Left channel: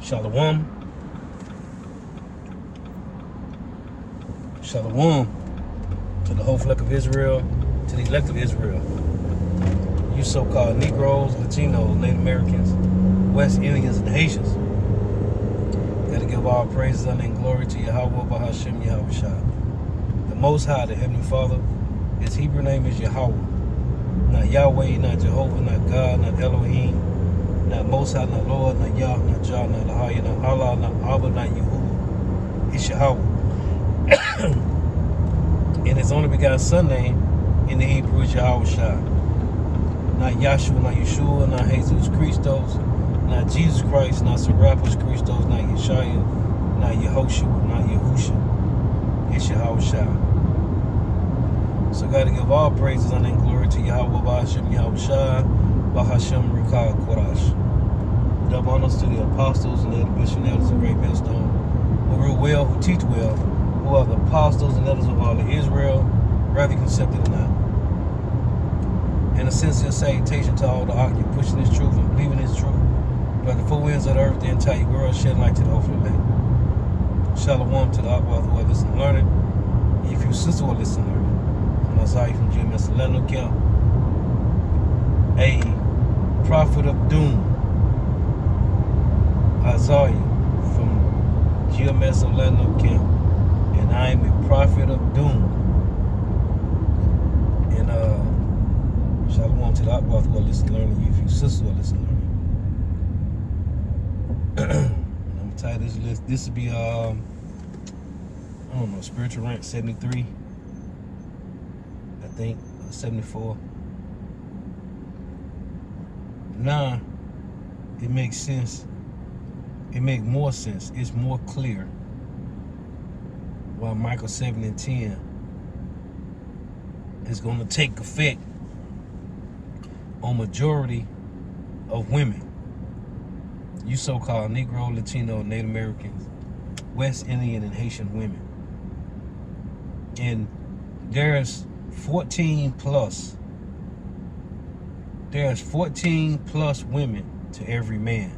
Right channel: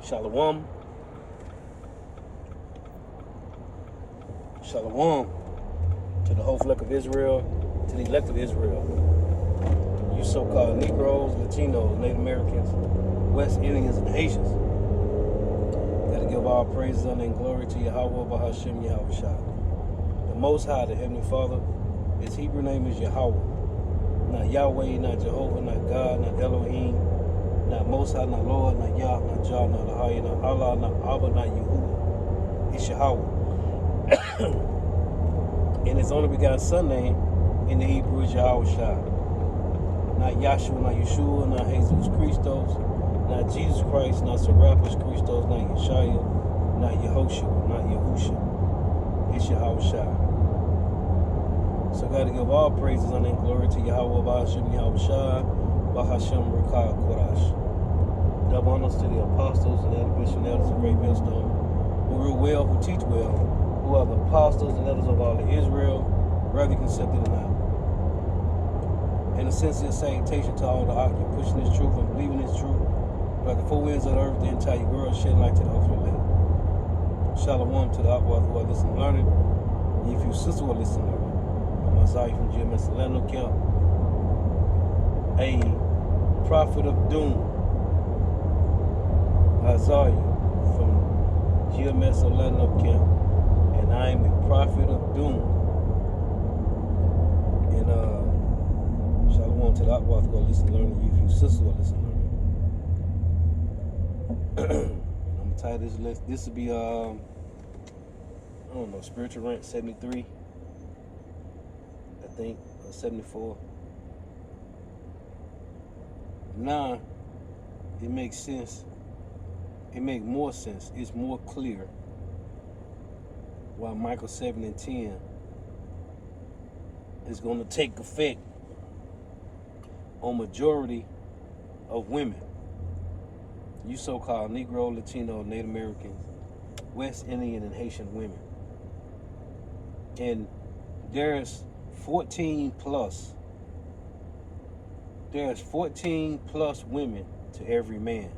Shalom. Shalom to the whole flock of Israel, to the elect of Israel. You so-called Negroes, Latinos, Native Americans, West Indians, and Haitians. Gotta give all praises, honor, and glory to Yahweh, Bahashem, Yahweh Shah. The Most High, the Heavenly Father, his Hebrew name is Yahweh. Not Yahweh, not Jehovah, not God, not Elohim, not Most High, not Lord, not Yah, not Jah, not Ahaya, not Allah, not Abba, not Yahuwah. It's Yahweh. And his only begotten son name in the Hebrew is Yahweh Shah. Not Yahshua, not Yeshua, not Jesus Christos, not Jesus Christ, not Serapis Christos, not Yeshua, not Yehoshua, not Yahusha. It's Yahweh Shah. So I gotta give all praises and glory to Yahweh, Bahashem, Yahweh Shah, Bahashem, Rikah, Korash. Double honors to the apostles and the bishops and elders of Great Millstone, who rule well, who teach well, who are the apostles and elders of all of Israel, whether you accept it or not. In a sincere salutation to all the Akim, pushing this truth and believing this truth, like the four winds of the earth, the entire world, shed light to the ultimate day. Shalom to the Akbar who are listening and learning. If you sister who are listening and learning, I'm Isaiah from GMS Atlanta Camp, a prophet of doom. Isaiah from GMS Atlanta Camp. And I am a prophet of doom. And shalom to the Akbar who are listening and learning. If you sisters who are listening and learning. I'm gonna title this list. This will be I don't know, spiritual rant 73. I think 74. Now it makes sense. It makes more sense. It's more clear. Well, Micah 7 and 10 is going to take effect on majority of women. You so-called Negro, Latino, Native Americans, West Indian, and Haitian women. And there's 14 plus women to every man.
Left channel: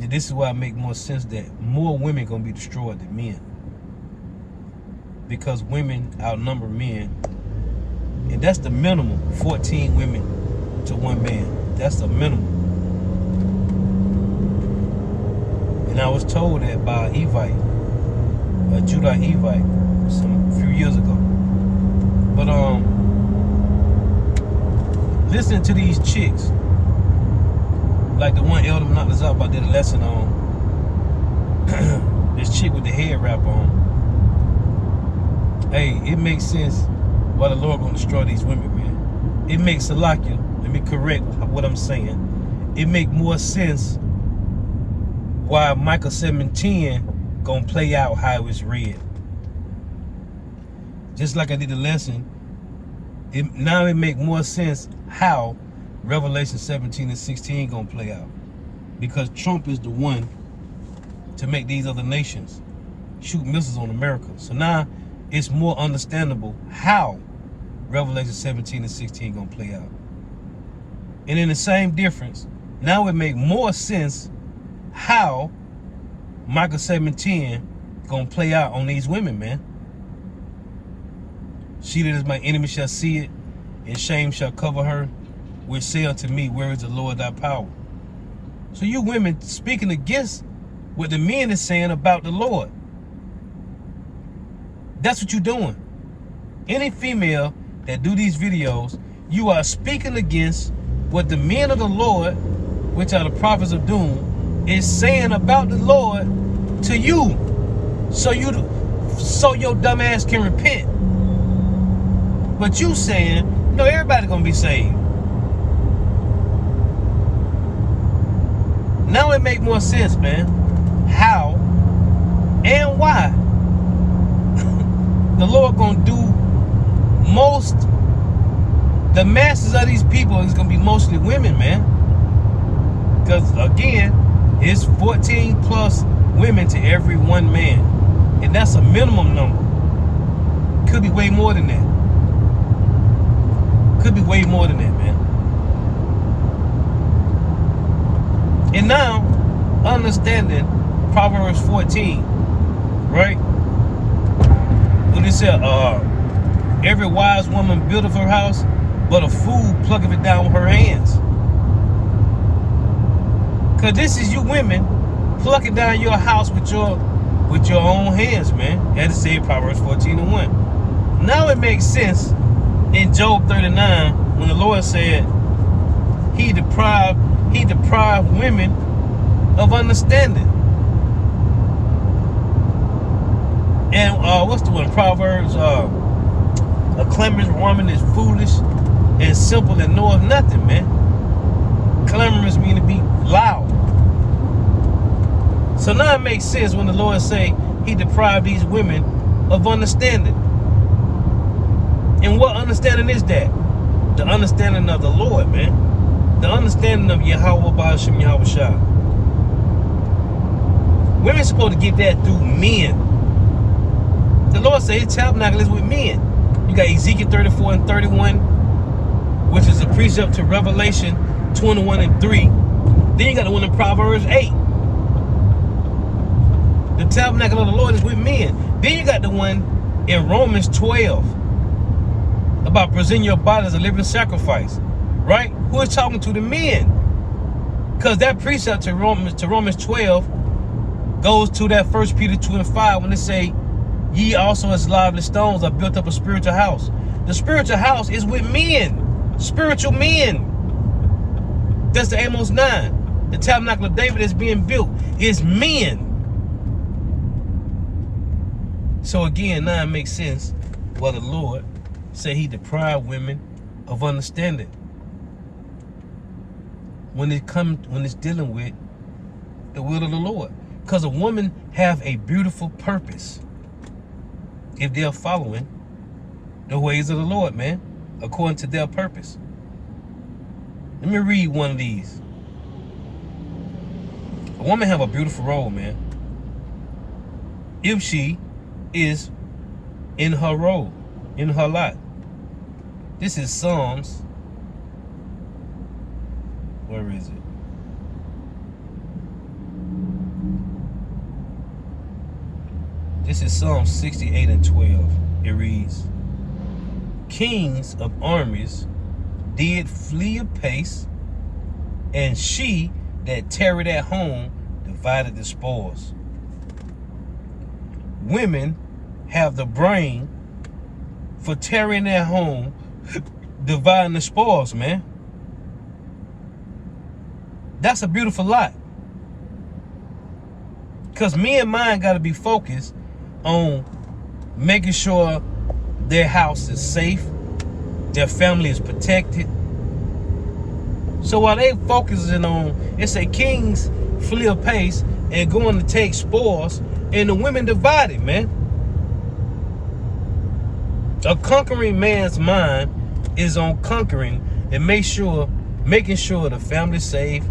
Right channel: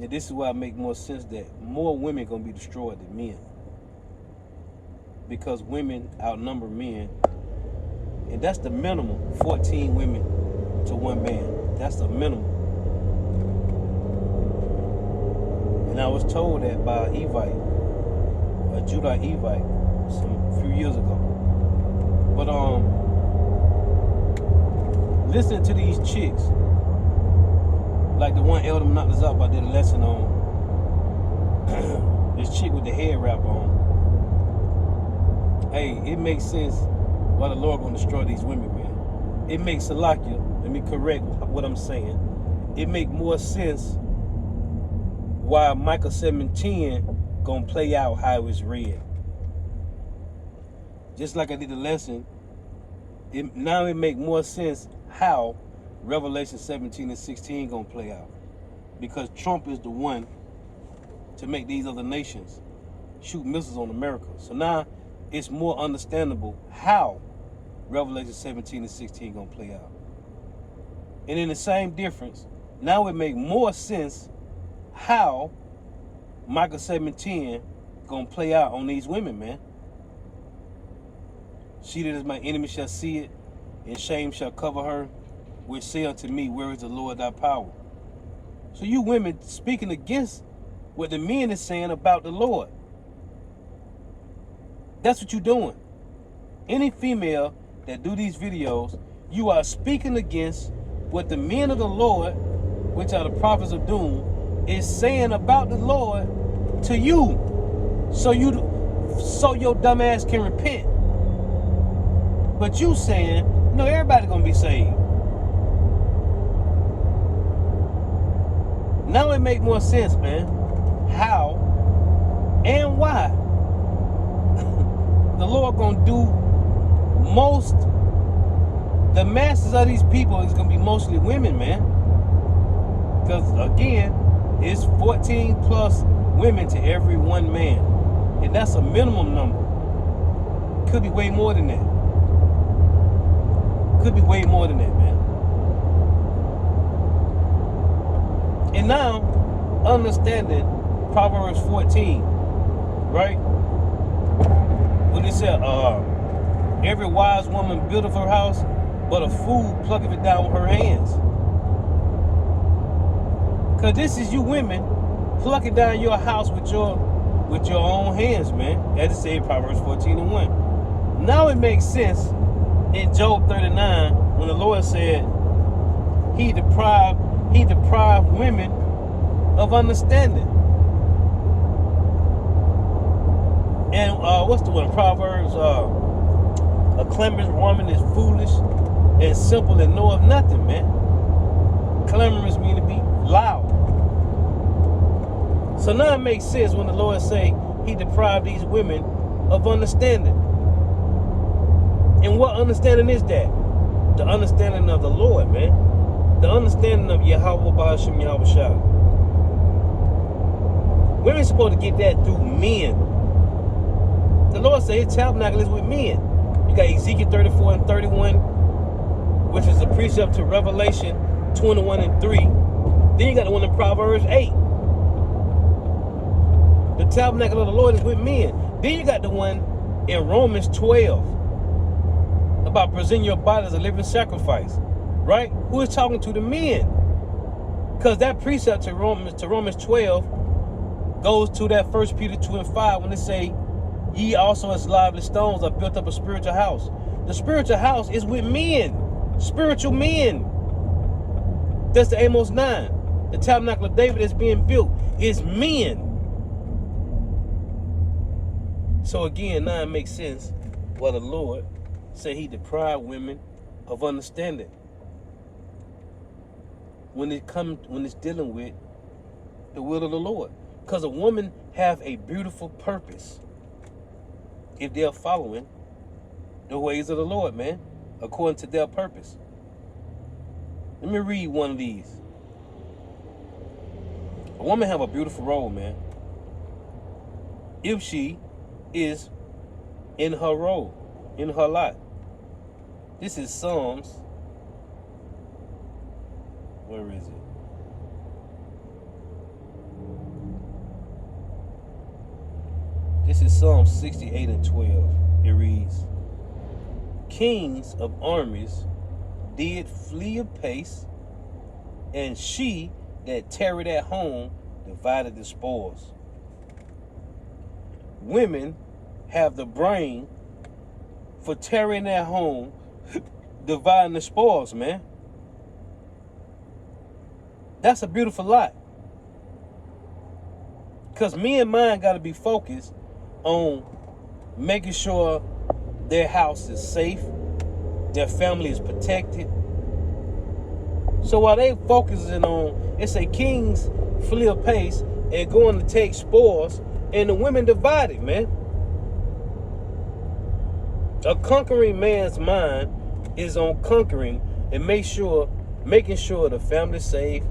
And this is why it makes more sense that more women gonna be destroyed than men. Because women outnumber men. And that's the minimum, 14 women to one man. That's the minimum. And I was told that by Evite, a Judite Evite, a few years ago. But listening to these chicks, like the one Elder Monatazab, I did a lesson on this chick with the head wrap on. Hey, it makes sense why the Lord gonna destroy these women, man. It makes Salakia, let me correct what I'm saying. It make more sense why Micah 7:10 gonna play out how it was read. Just like I did the lesson, now it make more sense how Revelation 17 and 16 gonna play out. Because Trump is the one to make these other nations shoot missiles on America. So now it's more understandable how Revelation 17 and 16 gonna play out. And in the same difference, now it make more sense how Micah 7:10 gonna play out on these women, man. She that is my enemy shall see it, and shame shall cover her, which say unto me, where is the Lord thy power? So you women speaking against what the men is saying about the Lord. That's what you're doing. Any female that do these videos, you are speaking against what the men of the Lord, which are the prophets of doom, is saying about the Lord to you. So your dumb ass can repent. But you saying, no, everybody gonna be saved. Now it make more sense, man. How and why the Lord gonna do the masses of these people is gonna be mostly women, man. Because again, it's 14 plus women to every one man. And that's a minimum number. Could be way more than that. Could be way more than that, man. understanding Proverbs 14, right? When it said, every wise woman buildeth her house, but a fool plucketh it down with her hands. Cause this is you women plucking down your house with your own hands, man. As it said, Proverbs 14:1. Now it makes sense in Job 39 when the Lord said he deprived women of understanding. And what's the one? Proverbs, a clamorous woman is foolish and simple and knoweth nothing, man. Clamorous mean to be loud. So now it makes sense when the Lord say he deprived these women of understanding. And what understanding is that? The understanding of the Lord, man. The understanding of Yahweh Ba'ashem Yahweh Shah. Women supposed to get that through men. The Lord said his tabernacle is with men. You got Ezekiel 34 and 31, which is a precept to Revelation 21 and 3. Then you got the one in Proverbs 8. The tabernacle of the Lord is with men. Then you got the one in Romans 12 about presenting your body as a living sacrifice, right? Who is talking to the men? Because that precept to Romans 12 goes to that 1 Peter 2 and 5 when it say, ye also as lively stones are built up a spiritual house. The spiritual house is with men, spiritual men. That's the Amos 9. The tabernacle of David is being built. It's men. So again, now it makes sense why the Lord said he deprived women of understanding when it's dealing with the will of the Lord. Because a woman have a beautiful purpose if they're following the ways of the Lord, man, according to their purpose. Let me read one of these. A woman have a beautiful role, man, if she is in her role, in her lot. This is Psalms. Where is it? This is Psalm 68 and 12. It reads, kings of armies did flee apace, and she that tarried at home divided the spoils. Women have the brain for tarrying at home, dividing the spoils, man. That's a beautiful lot. Because me and mine got to be focused on making sure their house is safe, their family is protected. So while they focusing on, it's a kings flee apace and going to take spoils, and the women divided, man. A conquering man's mind is on conquering and making sure the family's safe,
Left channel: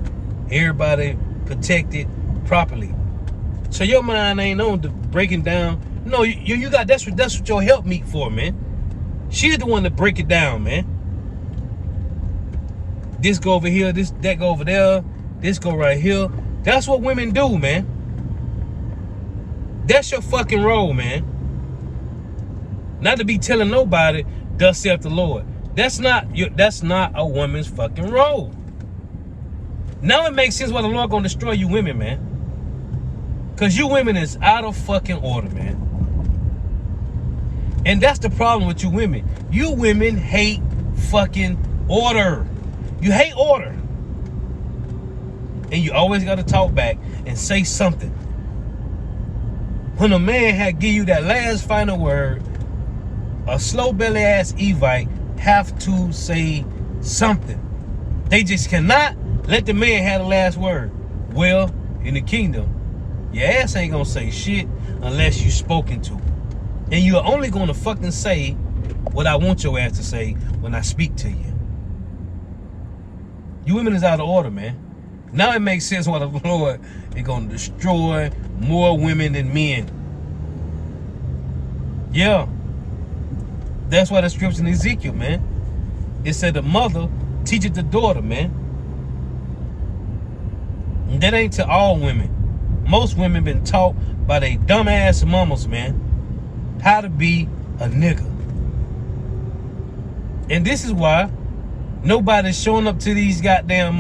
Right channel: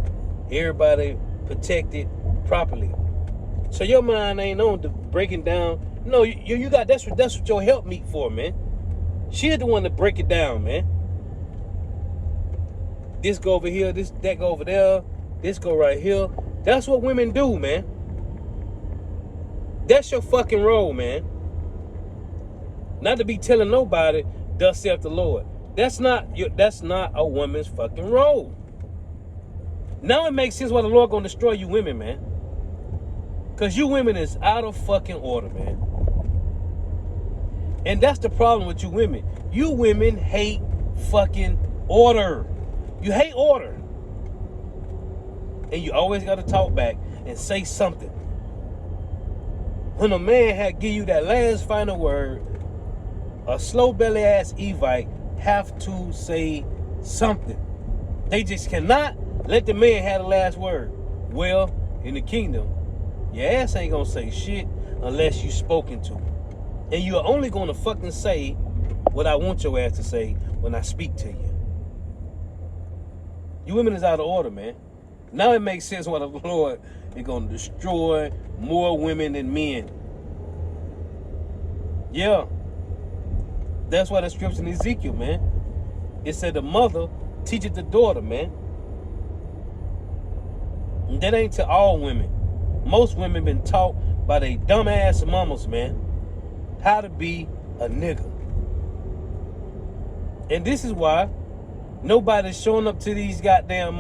everybody protected properly. So your mind ain't on the breaking down. No, you got that's what your helpmeet for, man. She's the one to break it down, man. This go over here, that go over there, this go right here. That's what women do, man. That's your fucking role, man. Not to be telling nobody, thus saith the Lord. That's not a woman's fucking role. Now it makes sense why the Lord gonna destroy you women, man. Cause you women is out of fucking order, man. And that's the problem with you women. You women hate fucking order. You hate order. And you always gotta talk back and say something. When a man had give you that last final word, a slow belly ass Evite have to say something. They just cannot let the man have the last word. Well, in the kingdom, your ass ain't gonna say shit unless you spoken to. And you're only gonna fucking say what I want your ass to say when I speak to you. You women is out of order, man. Now it makes sense why the Lord is gonna destroy more women than men. Yeah. That's why the scripture in Ezekiel, man. It said the mother teaches the daughter, man. And that ain't to all women. Most women been taught by their dumbass mamas, man, how to be a nigga. And this is why nobody's showing up to these goddamn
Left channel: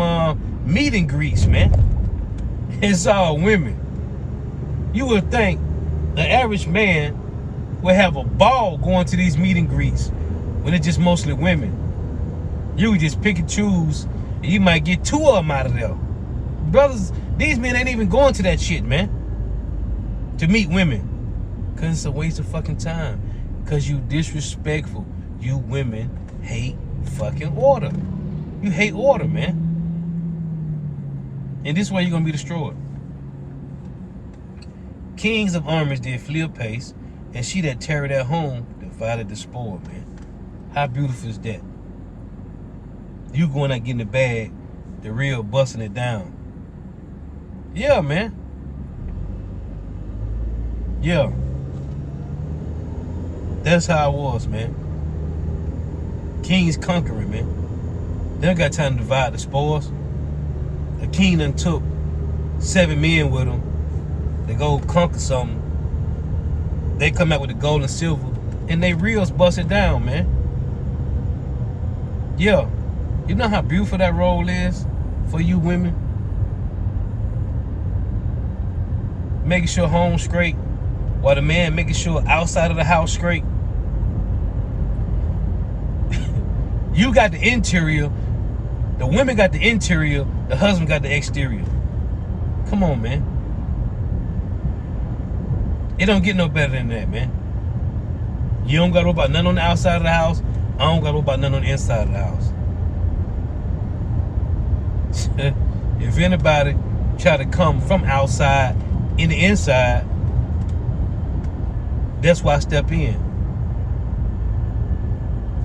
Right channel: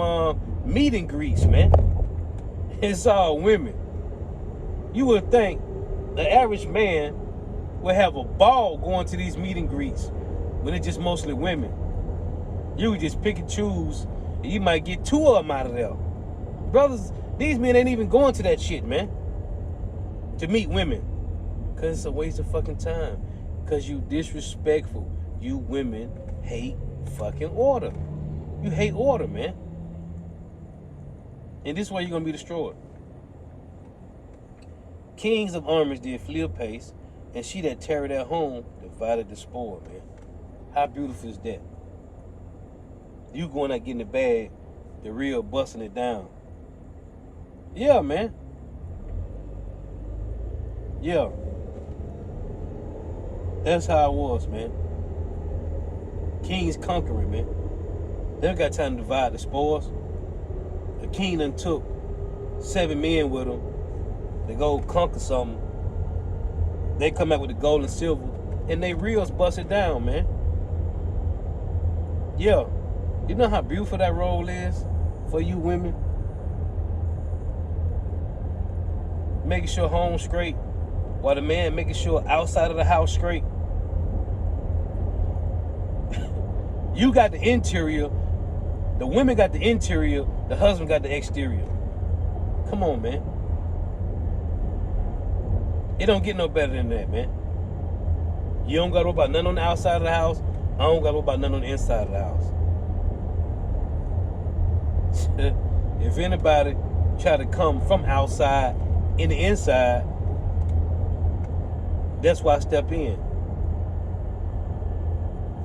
meet and greets, man. It's all women. You would think the average man would have a ball going to these meet and greets when it's just mostly women. You would just pick and choose, and you might get 2 of them out of there. Brothers, these men ain't even going to that shit, man, to meet women. Because it's a waste of fucking time. Because you disrespectful. You women hate fucking order. You hate order, man. And this way you're going to be destroyed. Kings of armies did flee apace, and she that tarried at home divided the spoil, man. How beautiful is that? You going out getting the bag, the real busting it down. Yeah, man. Yeah. That's how it was, man. Kings conquering, man. They don't got time to divide the spoils. The king done took 7 men with him. They go conquer something. They come out with the gold and silver, and they reels bust it down, man. Yeah. You know how beautiful that role is for you women? Making sure home's straight, while the man making sure outside of the house straight. You got the interior, the women got the interior, the husband got the exterior. Come on, man. It don't get no better than that, man. You don't got to worry about nothing on the outside of the house. I don't got to worry about nothing on the inside of the house. If anybody try to come from outside in the inside, that's why I step in.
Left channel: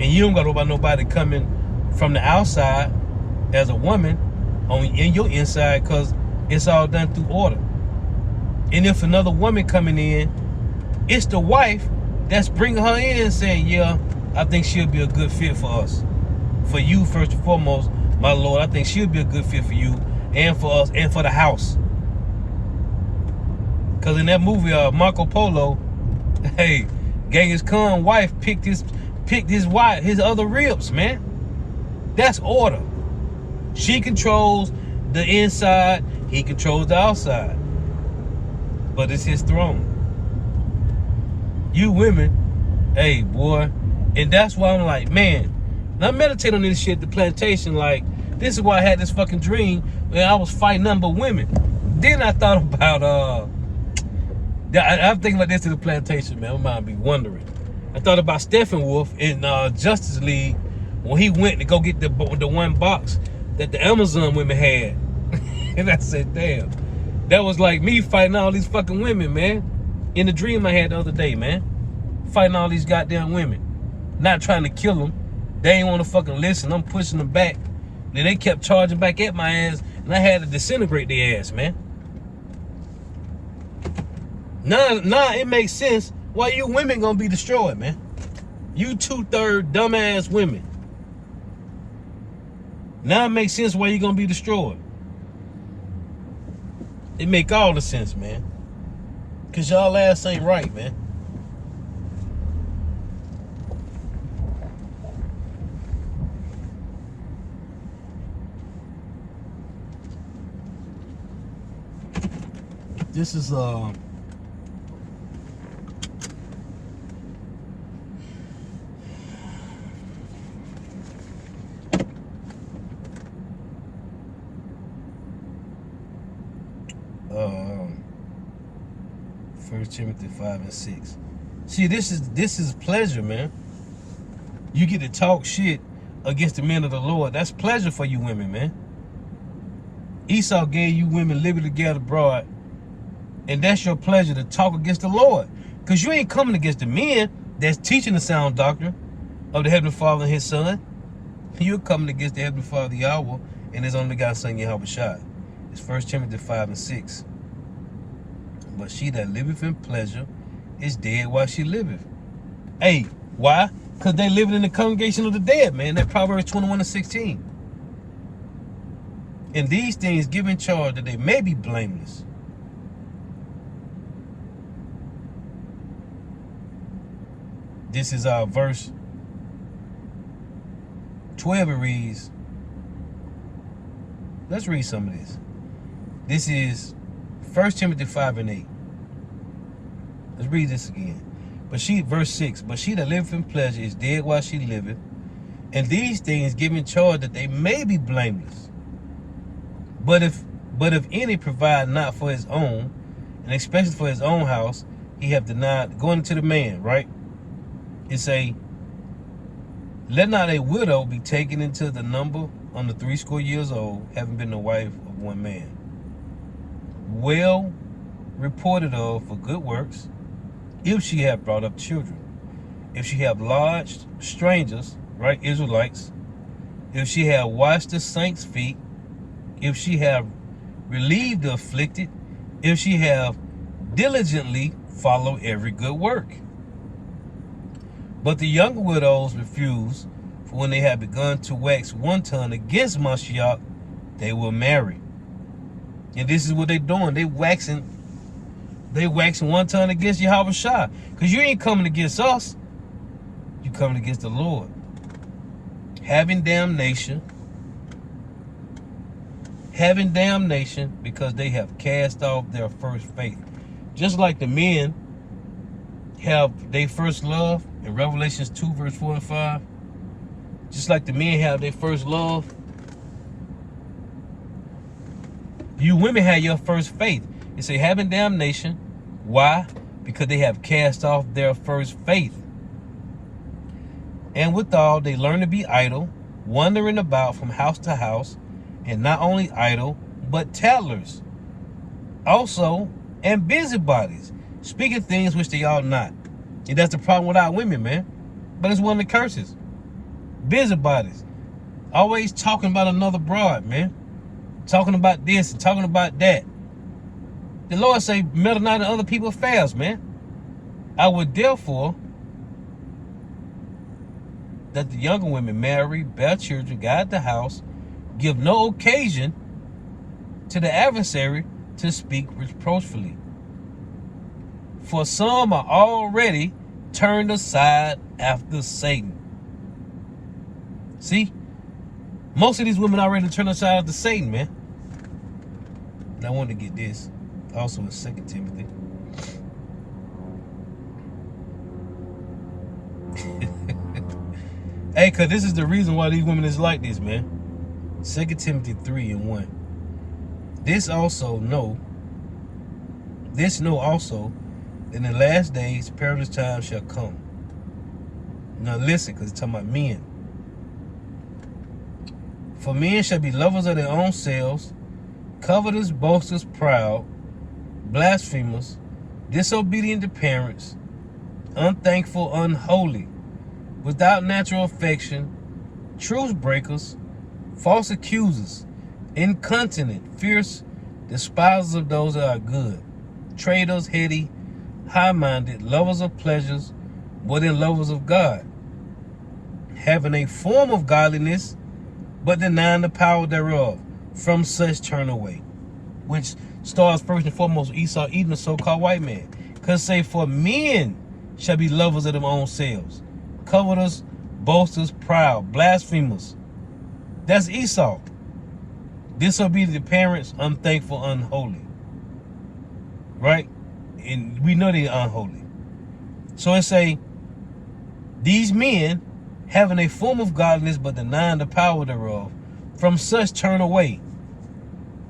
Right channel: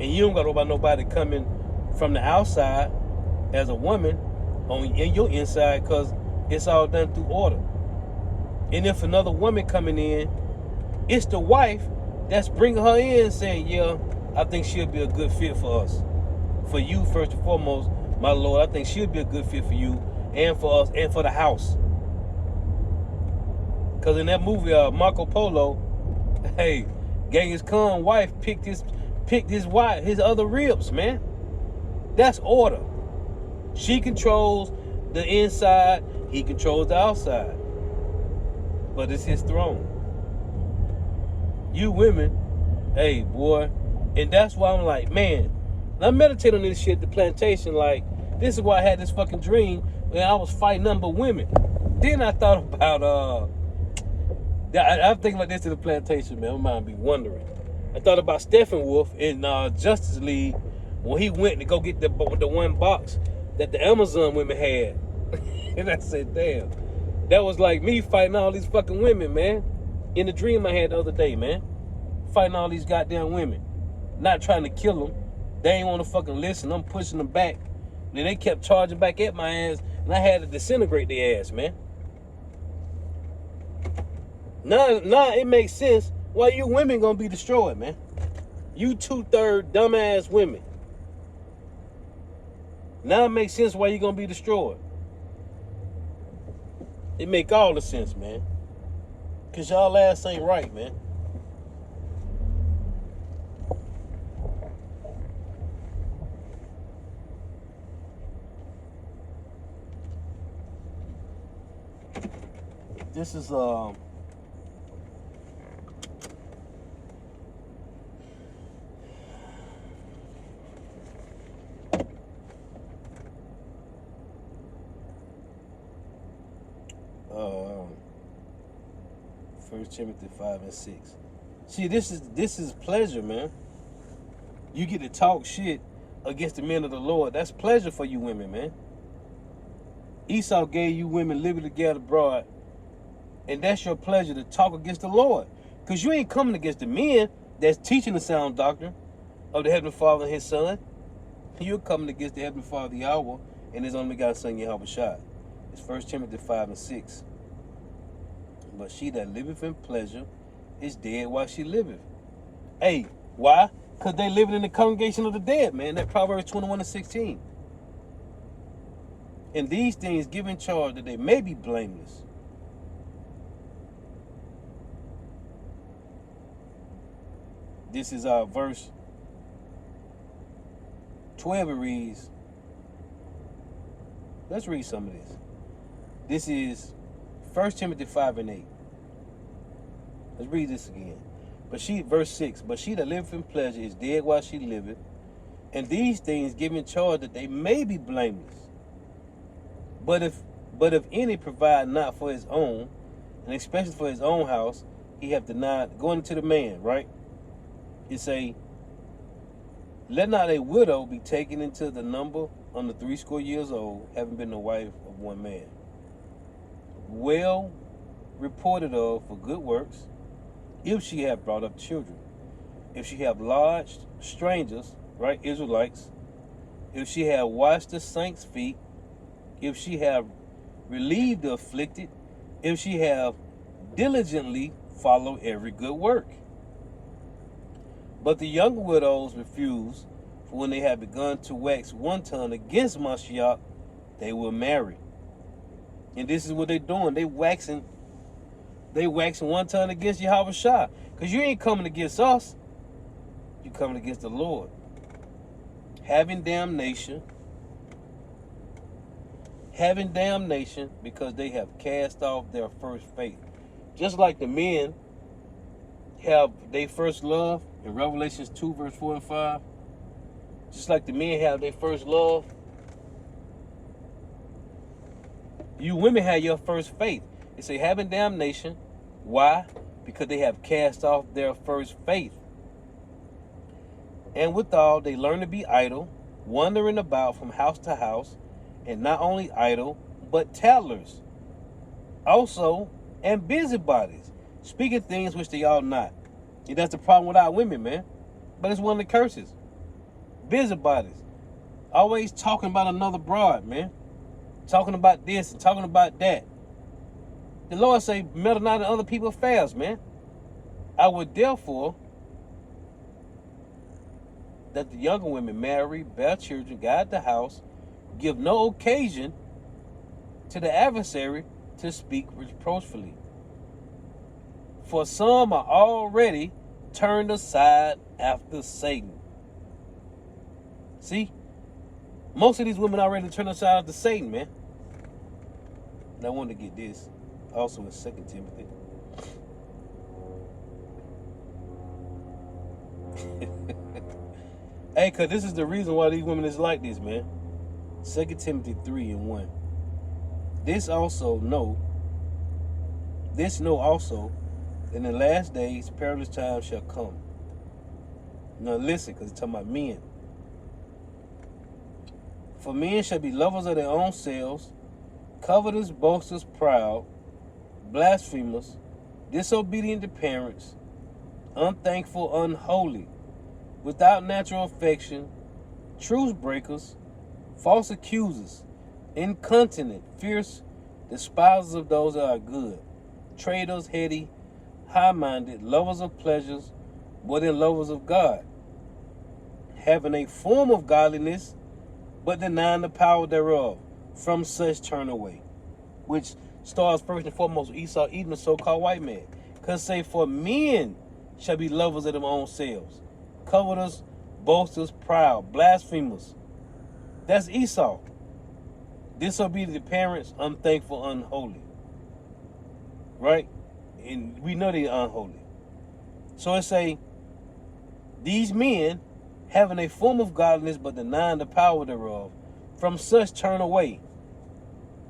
And you don't got to worry about nobody coming from the outside as a woman in your inside, because it's all done through order. And if another woman coming in, it's the wife that's bringing her in and saying, yeah, I think she'll be a good fit for us. For you, first and foremost, my Lord, I think she'll be a good fit for you and for us and for the house. Because in that movie, Marco Polo, hey, Genghis Khan's wife picked his wife, his other ribs, man. That's order. She controls the inside, he controls the outside. But it's his throne. You women, hey, boy. And that's why I'm like, man, I meditate on this shit, the plantation. Like, this is why I had this fucking dream where I was fighting nothing but women. Then I thought about, I'm thinking about this to the plantation, man. My mind be wondering. I thought about Steppenwolf in Justice League when he went to go get the one box that the Amazon women had. And I said, damn. That was like me fighting all these fucking women, man. In the dream I had the other day, man. Fighting all these goddamn women. Not trying to kill them. They ain't want to fucking listen. I'm pushing them back. Then they kept charging back at my ass, and I had to disintegrate their ass, man. Now it makes sense why you women gonna be destroyed, man. You 2/3 dumbass women. Now it makes sense why you gonna be destroyed. It make all the sense, man. Cause y'all ass ain't right, man. This is 1 Timothy 5:6. See, this is pleasure, man. You get to talk shit against the men of the Lord. That's pleasure for you women, man. Esau gave you women liberty to gather abroad, and that's your pleasure to talk against the Lord. Because you ain't coming against the men that's teaching the sound doctrine of the Heavenly Father and His Son. You're coming against the Heavenly Father, Yahweh, and His only God, Son, Yahweh Shai. It's 1 Timothy 5:6. But she that liveth in pleasure is dead while she liveth. Hey, why? Because they living in the congregation of the dead, man. That Proverbs 21:16. And these things give in charge that they may be blameless. This is our verse 12. It reads, let's read some of this. This is 1 Timothy 5 and 8. Let's read this again. Verse 6, but she that liveth in pleasure is dead while she liveth, and these things give in charge that they may be blameless. But if any provide not for his own, and especially for his own house, he have denied going into the man, right? It say, let not a widow be taken into the number under 60 years old, having been the wife of one man, well reported of for good works, if she have brought up children, if she have lodged strangers, right, Israelites, if she have washed the saints' feet, if she have relieved the afflicted, if she have diligently followed every good work. But the young widows refuse, for when they have begun to wax wanton against Mashiach, they will marry. And this is what they're doing. They waxing wanton against Yahweh Shah. Because you ain't coming against us. You coming against the Lord. Having damnation because they have cast off their first faith. Just like the men have their first love in Revelations 2 verse 4 and 5. Just like the men have their first love, you women have your first faith. It say having damnation. Why? Because they have cast off their first faith. And withal they learn to be idle, wandering about from house to house, and not only idle, but tattlers. Also, and busybodies, speaking things which they ought not. And that's the problem with our women, man. But it's one of the curses. Busybodies. Always talking about another broad, man. Talking about this and talking about that. The Lord say, meddle not in other people's affairs, man. I would therefore that the younger women marry, bear children, guide the house, give no occasion to the adversary to speak reproachfully. For some are already turned aside after Satan. See? Most of these women already turned aside after Satan, man. And I wanted to get this. Also in 2 Timothy. Hey, because this is the reason why these women is like this, man. 2 Timothy 3 and 1. This know also, in the last days, perilous times shall come. Now listen, because it's talking about men. For men shall be lovers of their own selves, covetous, boasters, proud, blasphemers, disobedient to parents, unthankful, unholy, without natural affection, truce breakers, false accusers, incontinent, fierce, despisers of those that are good, traitors, heady, high-minded, lovers of pleasures more than lovers of God, having a form of godliness, but denying the power thereof. From such turn away. Which starts first and foremost Esau eating the so-called white man. Because say, for men shall be lovers of their own selves, covetous, boasters, proud, blasphemers. That's Esau. Disobedient to parents, unthankful, unholy. Right? And we know they're unholy. So it say, these men, having a form of godliness, but denying the power thereof, from such turn away.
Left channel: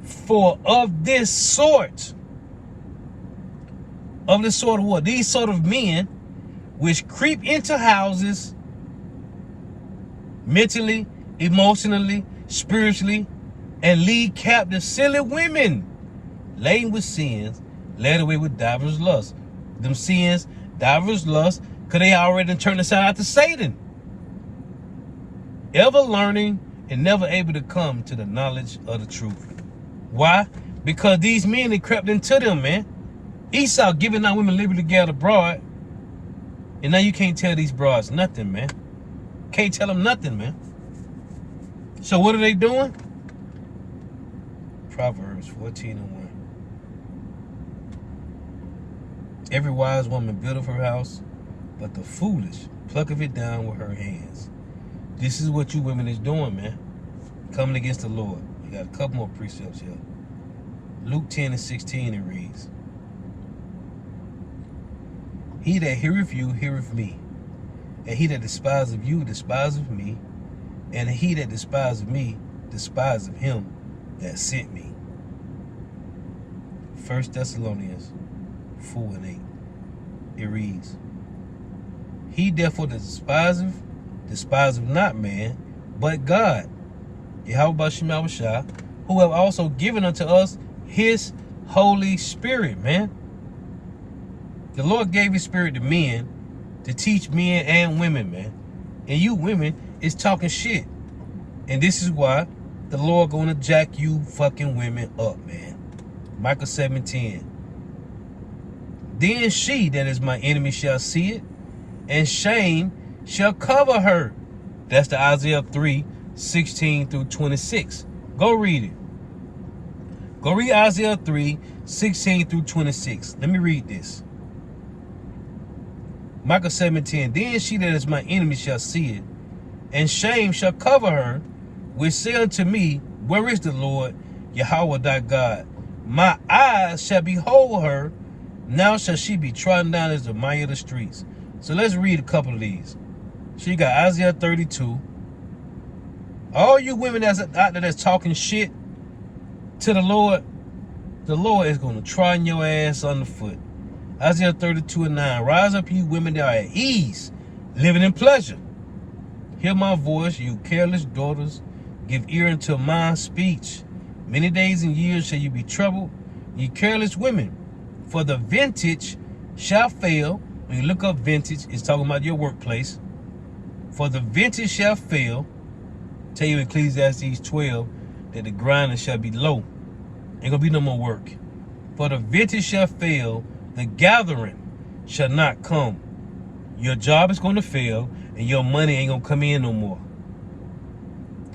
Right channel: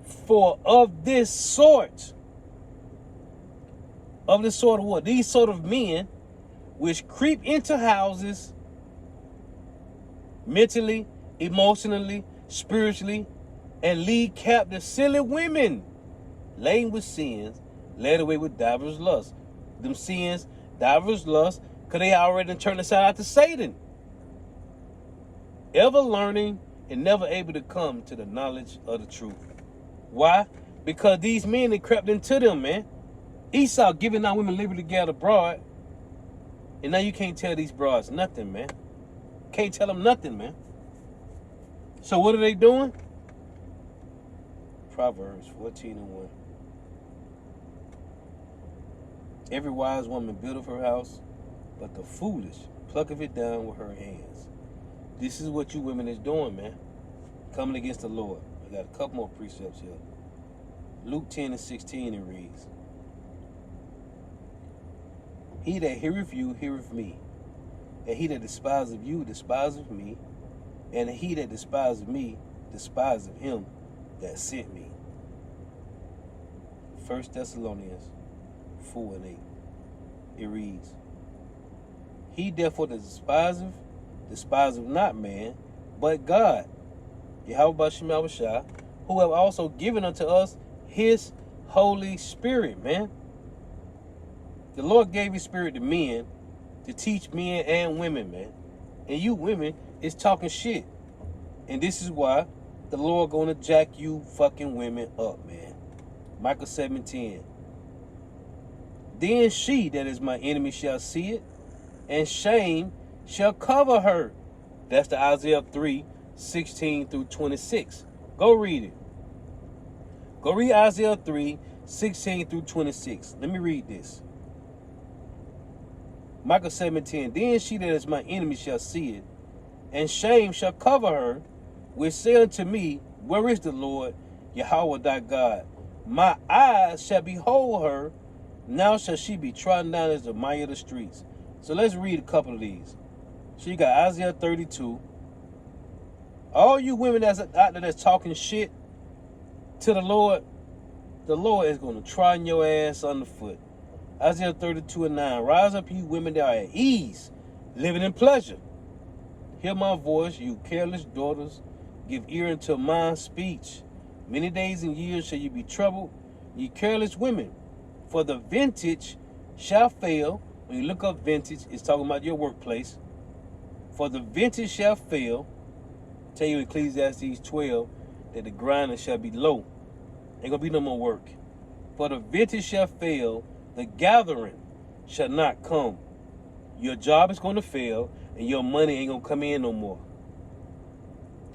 For of this sort of what? These sort of men, which creep into houses, mentally, emotionally, spiritually, and lead captive silly women, laden with sins, led away with divers lusts. Them sins, divers lusts, because they already turned aside after Satan. Ever learning and never able to come to the knowledge of the truth. Why? Because these men, they crept into them, man. Esau giving our women liberty to gather abroad. And now you can't tell these broads nothing, man. Can't tell them nothing, man. So what are they doing? Proverbs 14:1. Every wise woman buildeth her house, but the foolish plucketh it down with her hands. This is what you women is doing, man. Coming against the Lord. You got a couple more precepts here. Luke 10:16 it reads, He that heareth you heareth me, and he that despiseth you despiseth me, and he that despiseth me despiseth him that sent me. 1 Thessalonians 4:8. It reads, He therefore that despiseth not man, but God, Yahweh Shema Shah, who have also given unto us his Holy Spirit, man. The Lord gave his spirit to men to teach men and women, man. And you women is talking shit. And this is why the Lord gonna jack you fucking women up, man. Micah 7:10. Then she that is my enemy shall see it, and shame shall cover her. That's the Isaiah 3:16-26. Go read it. Go read Isaiah 3:16-26. Let me read this. Micah 7:10. Then she that is my enemy shall see it, and shame shall cover her, which say unto me, Where is the Lord, Yahweh thy God? My eyes shall behold her, now shall she be trodden down as the mire of the streets. So let's read a couple of these. She got Isaiah 32. All you women that's out there that's talking shit to the Lord is going to trodden your ass underfoot. Isaiah 32:9. Rise up, you women that are at ease, living in pleasure. Hear my voice, you careless daughters. Give ear unto my speech. Many days and years shall you be troubled, ye careless women. For the vintage shall fail. When you look up vintage, it's talking about your workplace. For the vintage shall fail. Tell you Ecclesiastes 12 that the grinder shall be low. Ain't gonna be no more work. For the vintage shall fail, the gathering shall not come. Your job is gonna fail, and your money ain't gonna come in no more.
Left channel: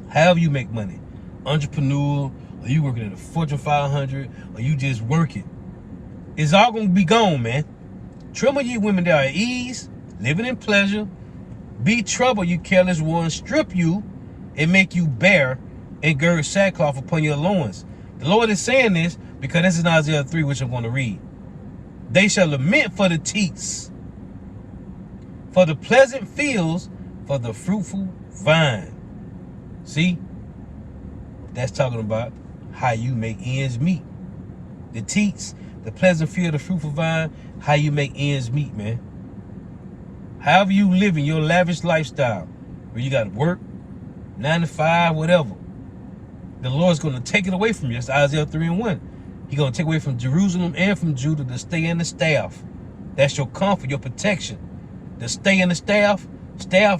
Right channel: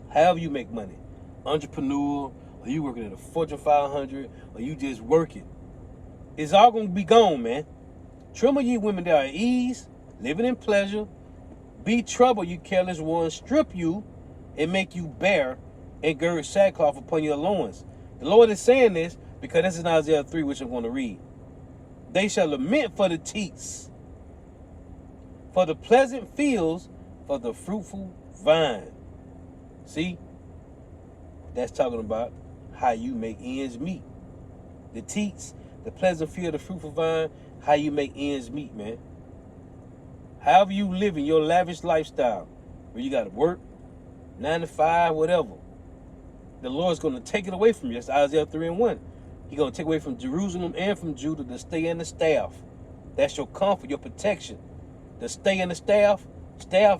However you make money, entrepreneur, or you working at a Fortune 500, or you just working, it's all gonna be gone, man. Tremble ye women that are at ease, living in pleasure. Be troubled, you careless ones. Strip you and make you bare, and gird sackcloth upon your loins. The Lord is saying this because this is Isaiah 3, which I'm going to read. They shall lament for the teats, for the pleasant fields, for the fruitful vine. See? That's talking about how you make ends meet. The teats, the pleasant field, the fruitful vine, how you make ends meet, man. However you live in your lavish lifestyle, where you got to work, 9 to 5, whatever, the Lord's going to take it away from you. That's Isaiah 3:1. He's going to take away from Jerusalem and from Judah the stay and the staff. That's your comfort, your protection. The stay and the staff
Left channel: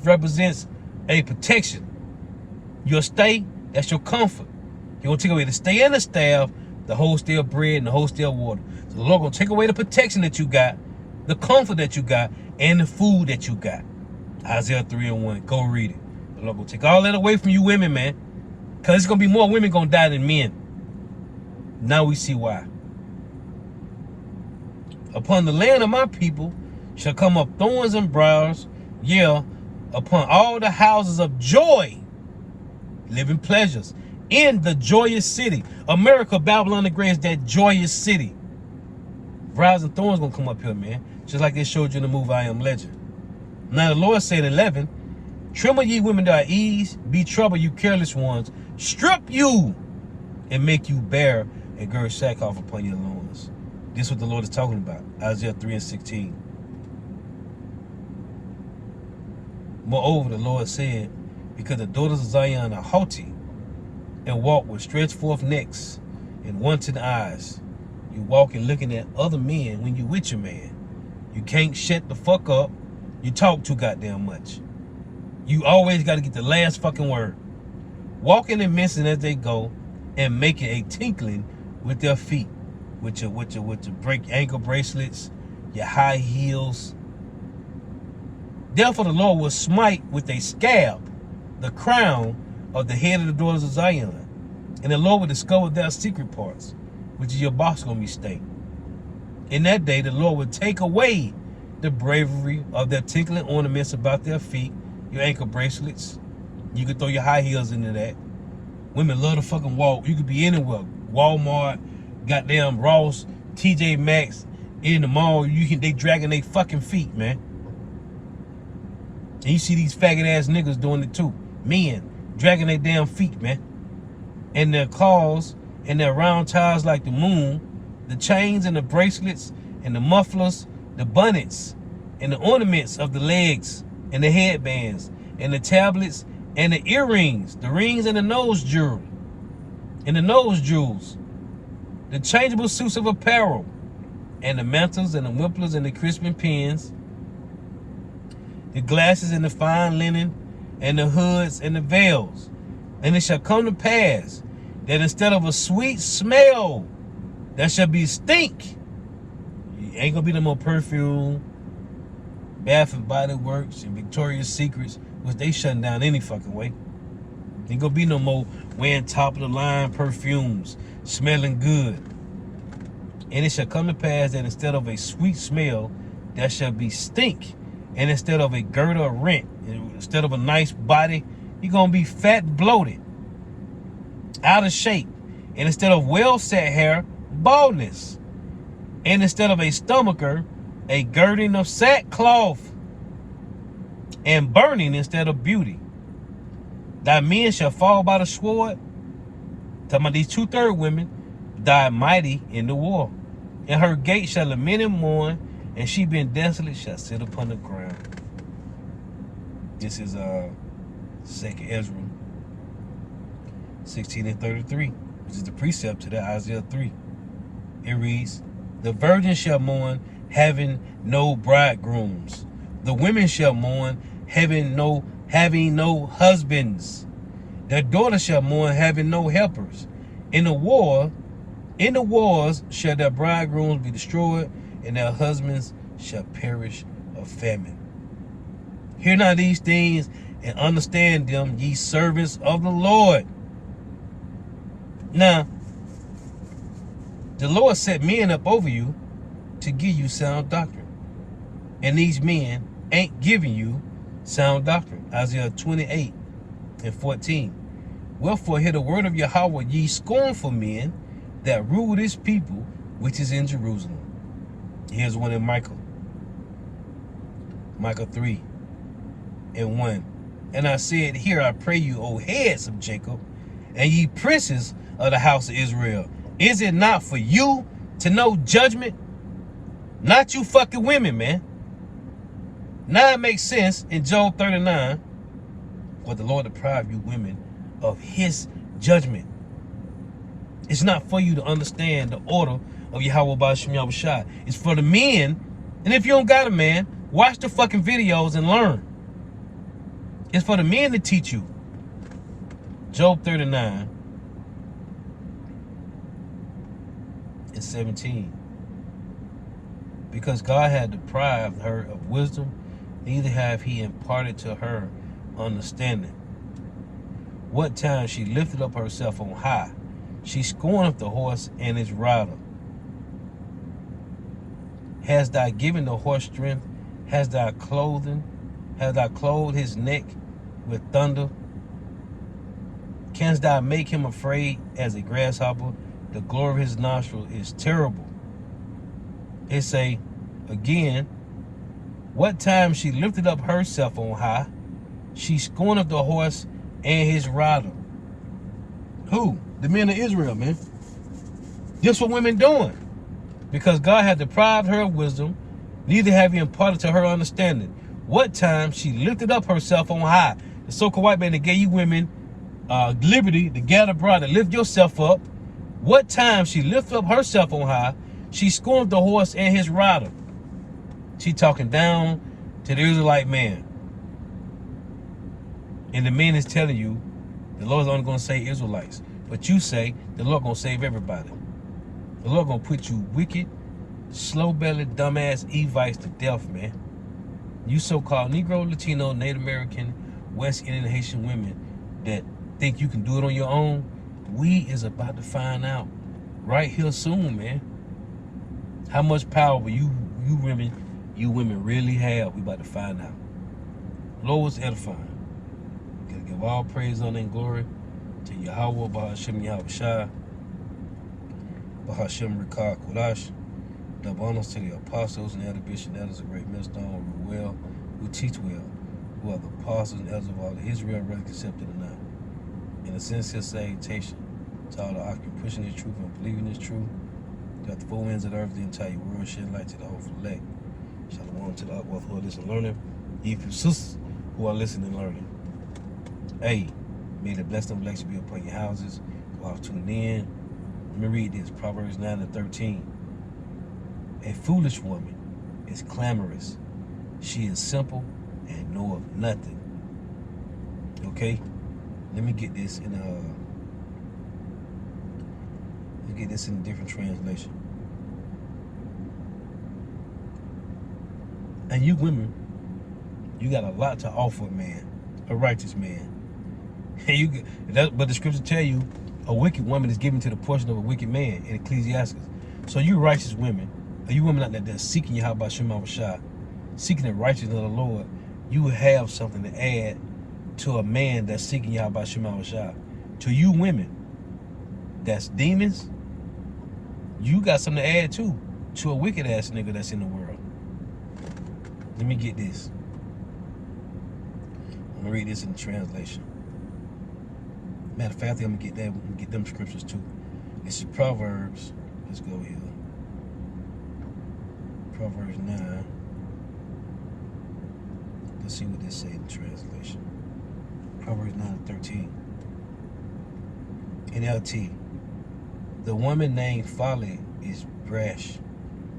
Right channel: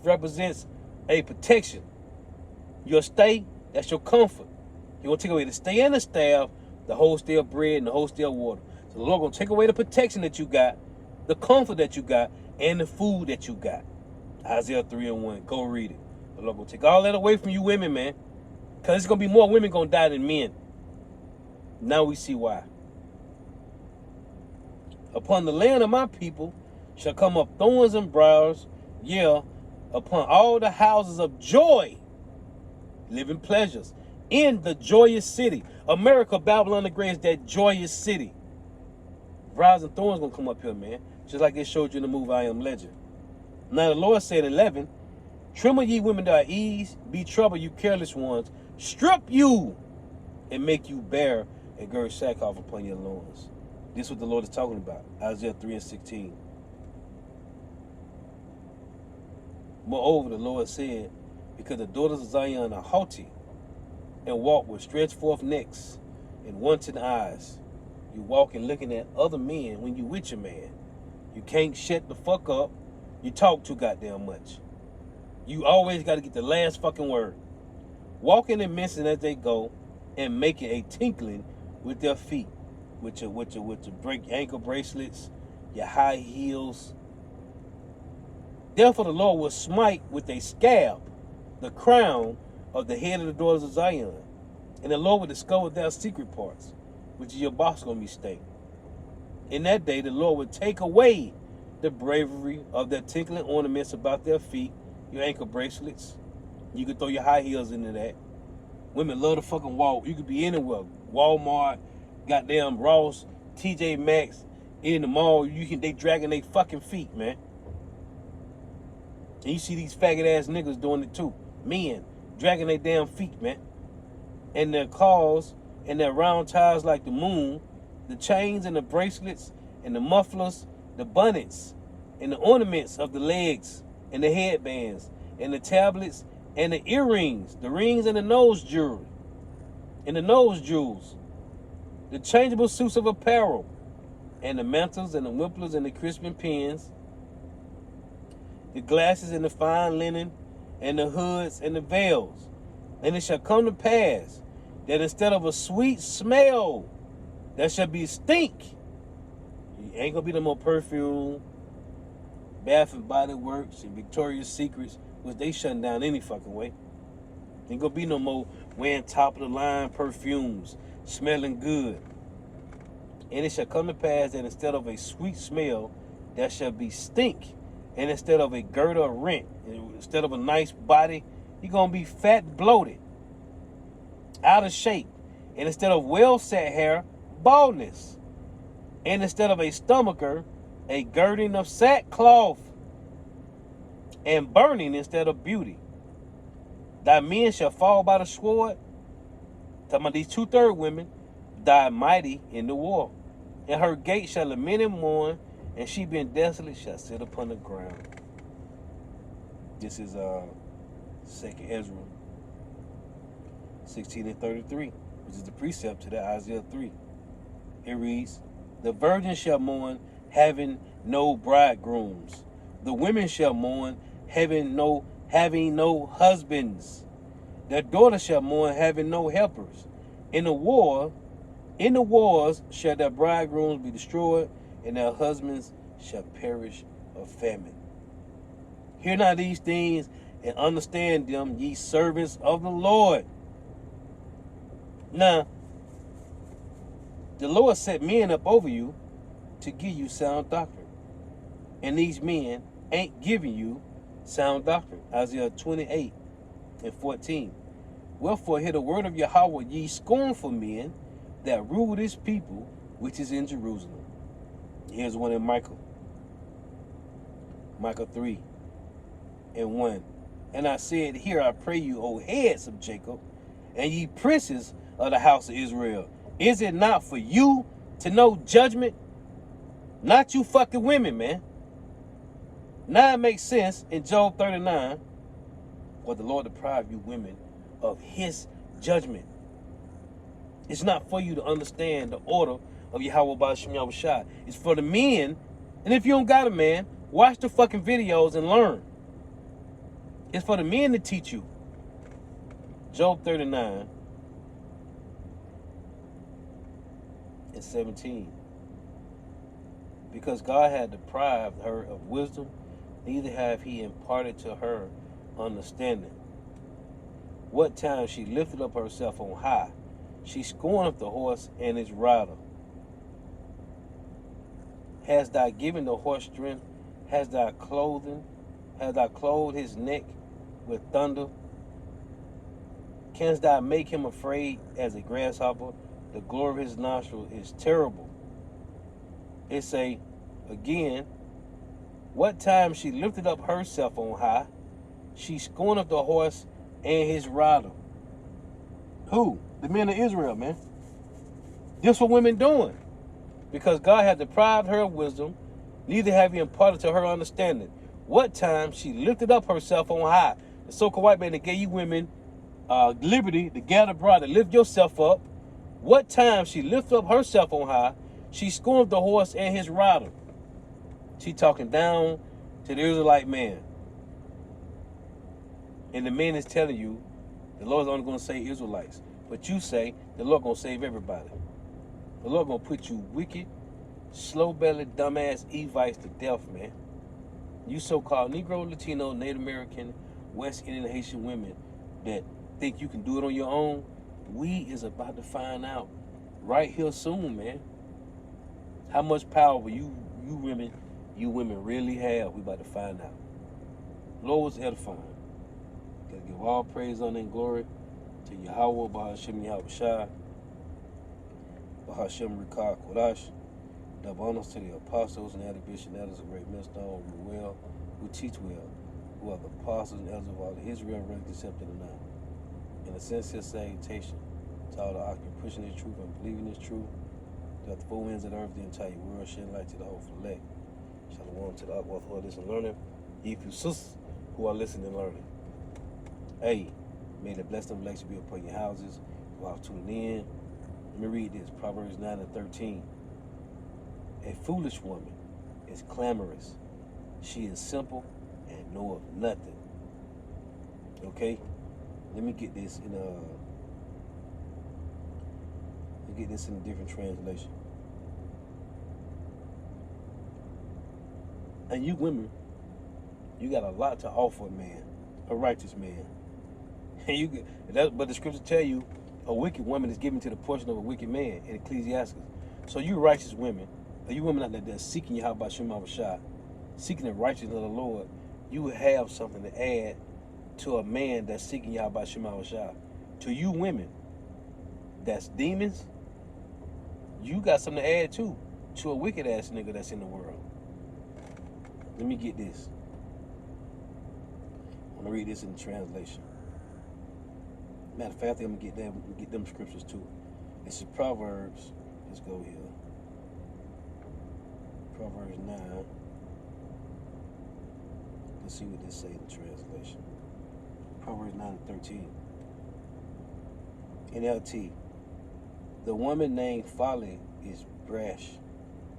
represents a protection. Your stay, that's your comfort. He's going to take away the stay and the staff, the whole stale bread and the whole stale water. So the Lord going to take away the protection that you got, the comfort that you got, and the food that you got. Isaiah 3:1. Go read it. The Lord going to take all that away from you women, man. Because there's going to be more women going to die than men. Now we see why. Upon the land of my people shall come up thorns and briars, yeah, upon all the houses of joy, living pleasures, in the joyous city. America, Babylon the Great is that joyous city. Briars and thorns going to come up here, man. Just like they showed you in the movie I Am Legend. Now the Lord said 11, tremble ye women that are ease, be troubled you careless ones, strip you and make you bare, and gird sackcloth upon your loins. This is what the Lord is talking about. Isaiah 3:16. Moreover, the Lord said, because the daughters of Zion are haughty, and walk with stretched forth necks and wanton eyes. You walking looking at other men when you with your man. You can't shut the fuck up. You talk too goddamn much. You always got to get the last fucking word. Walking and missing as they go, and making a tinkling with their feet, with your break ankle bracelets, your high heels. Therefore the Lord will smite with a scab the crown of the head of the daughters of Zion, And the Lord will discover their secret parts, which is your boss gonna be stank. In that day, the Lord will take away the bravery of their tinkling ornaments about their feet, your ankle bracelets. You can throw your high heels into that. Women love to fucking walk. You could be anywhere. Walmart, goddamn Ross, TJ Maxx, in the mall. They dragging their fucking feet, man. And you see these faggot ass niggas doing it too. Men dragging their damn feet, man. And their claws and their round ties like the moon, the chains and the bracelets and the mufflers, the bonnets and the ornaments of the legs and the headbands and the tablets and the earrings, the rings and the nose jewelry and the nose jewels, the changeable suits of apparel and the mantles and the wimplers and the crisping pins, the glasses and the fine linen and the hoods and the veils. And it shall come to pass that instead of a sweet smell, there shall be stink. Ain't gonna be no more perfume, Bath and Body Works and Victoria's Secrets, which they shutting down any fucking way. Ain't gonna be no more wearing top of the line perfumes, smelling good. And it shall come to pass that instead of a sweet smell, there shall be stink. And instead of a girdle of rent, instead of a nice body, you're gonna be fat and bloated, out of shape. And instead of well set hair, baldness. And instead of a stomacher, a girding of sackcloth, and burning instead of beauty. Thy men shall fall by the sword. Talking about these 2/3 women died mighty in the war. And her gate shall lament and mourn, and she being desolate shall sit upon the ground. This is 2nd Ezra 16:33, which is the precept to that Isaiah 3. It reads, the virgin shall mourn, having no bridegrooms. The women shall mourn, having no husbands. Their daughters shall mourn, having no helpers. In the wars shall their bridegrooms be destroyed, and their husbands shall perish of famine. Hear now these things, and understand them, ye servants of the Lord. Now, the Lord set men up over you to give you sound doctrine. And these men ain't giving you sound doctrine. Isaiah 28:14. Wherefore hear the word of Yahweh, ye scornful men that rule this people which is in Jerusalem. Here's one in Micah. Micah 3:1. And I said, here I pray you, O heads of Jacob, and ye princes of the house of Israel. Is it not for you to know judgment? Not you fucking women, man. Now it makes sense in Job 39. But the Lord deprived you women of his judgment. It's not for you to understand the order of Yahweh Ba'ashem Yahushua. It's for the men. And if you don't got a man, watch the fucking videos and learn. It's for the men to teach you. Job 39:17. Because God had deprived her of wisdom, neither have he imparted to her understanding. What time she lifted up herself on high, she scorneth the horse and his rider. Hast thou given the horse strength? Hast thou clothed his neck with thunder? Canst thou make him afraid as a grasshopper? The glory of his nostril is terrible. It say again, what time she lifted up herself on high, she scorneth the horse and his rider. Who? The men of Israel, man. This what women doing. Because God had deprived her of wisdom, neither have he imparted to her understanding. What time she lifted up herself on high. The so-called white man that gave you women liberty to gather abroad to lift yourself up. What time she lifted up herself on high, she scorned the horse and his rider. She talking down to the Israelite man. And the man is telling you, the Lord's only going to save Israelites. But you say, the Lord going to save everybody. The Lord going to put you wicked, slow-bellied, dumbass Evites to death, man. You so-called Negro, Latino, Native American, West Indian, Haitian women that think you can do it on your own, We is about to find out right here soon, man. How much power you women really have. We about to find out. Lord is edifying. Gonna give all praise, honor, and glory to Yahweh, Bahashem Yahweh Shai, Bahashem Rikah Kodash. The bonus to the apostles and elder bishops and elders of great millstone who teach well, who are the apostles and elders of all the Israel, whether accepted or not. In a sincere salutation to all the occupants pushing this truth and believing this truth, that the four winds of the earth, the entire world, shed light to the whole elect. Shalom to the upward who are listening and learning, even sisters who are listening and learning. Hey, may the blessing and blessing be upon your houses. Go out tuning in. Let me read this, Proverbs 9:13. A foolish woman is clamorous. She is simple and knoweth nothing. Okay? Let me get this in a different translation. And you women, you got a lot to offer, man. A righteous man. But the scriptures tell you a wicked woman is given to the portion of a wicked man in Ecclesiastes. So you righteous women, or you women out there that's seeking Yahweh Shema Shah, seeking the righteousness of the Lord, you have something to add to a man that's seeking Yahweh Shema Shah. To you women that's demons, you got something to add too, to a wicked ass nigga that's in the world. Let me get this. I'm gonna read this in the translation. Matter of fact, I think I'm gonna get them scriptures too. It's Proverbs. Let's go here. Proverbs 9. Let's see what this say in the translation. Proverbs 9:13. NLT. The woman named Folly is brash.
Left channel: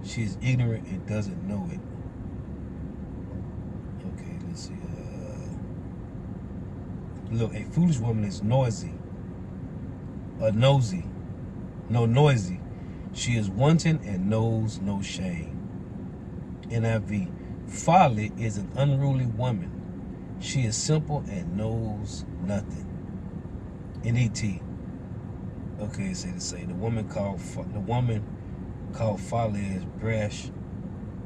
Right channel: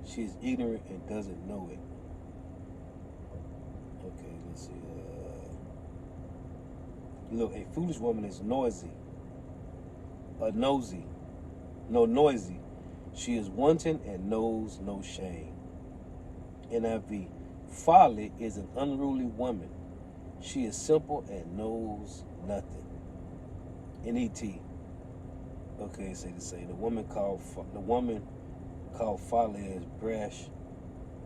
She is ignorant and doesn't know it. Okay, let's see. Look, a foolish woman is noisy. Noisy. She is wanton and knows no shame. NIV. Folly is an unruly woman. She is simple and knows nothing. NET. Okay, say the same. The woman called Folly is brash.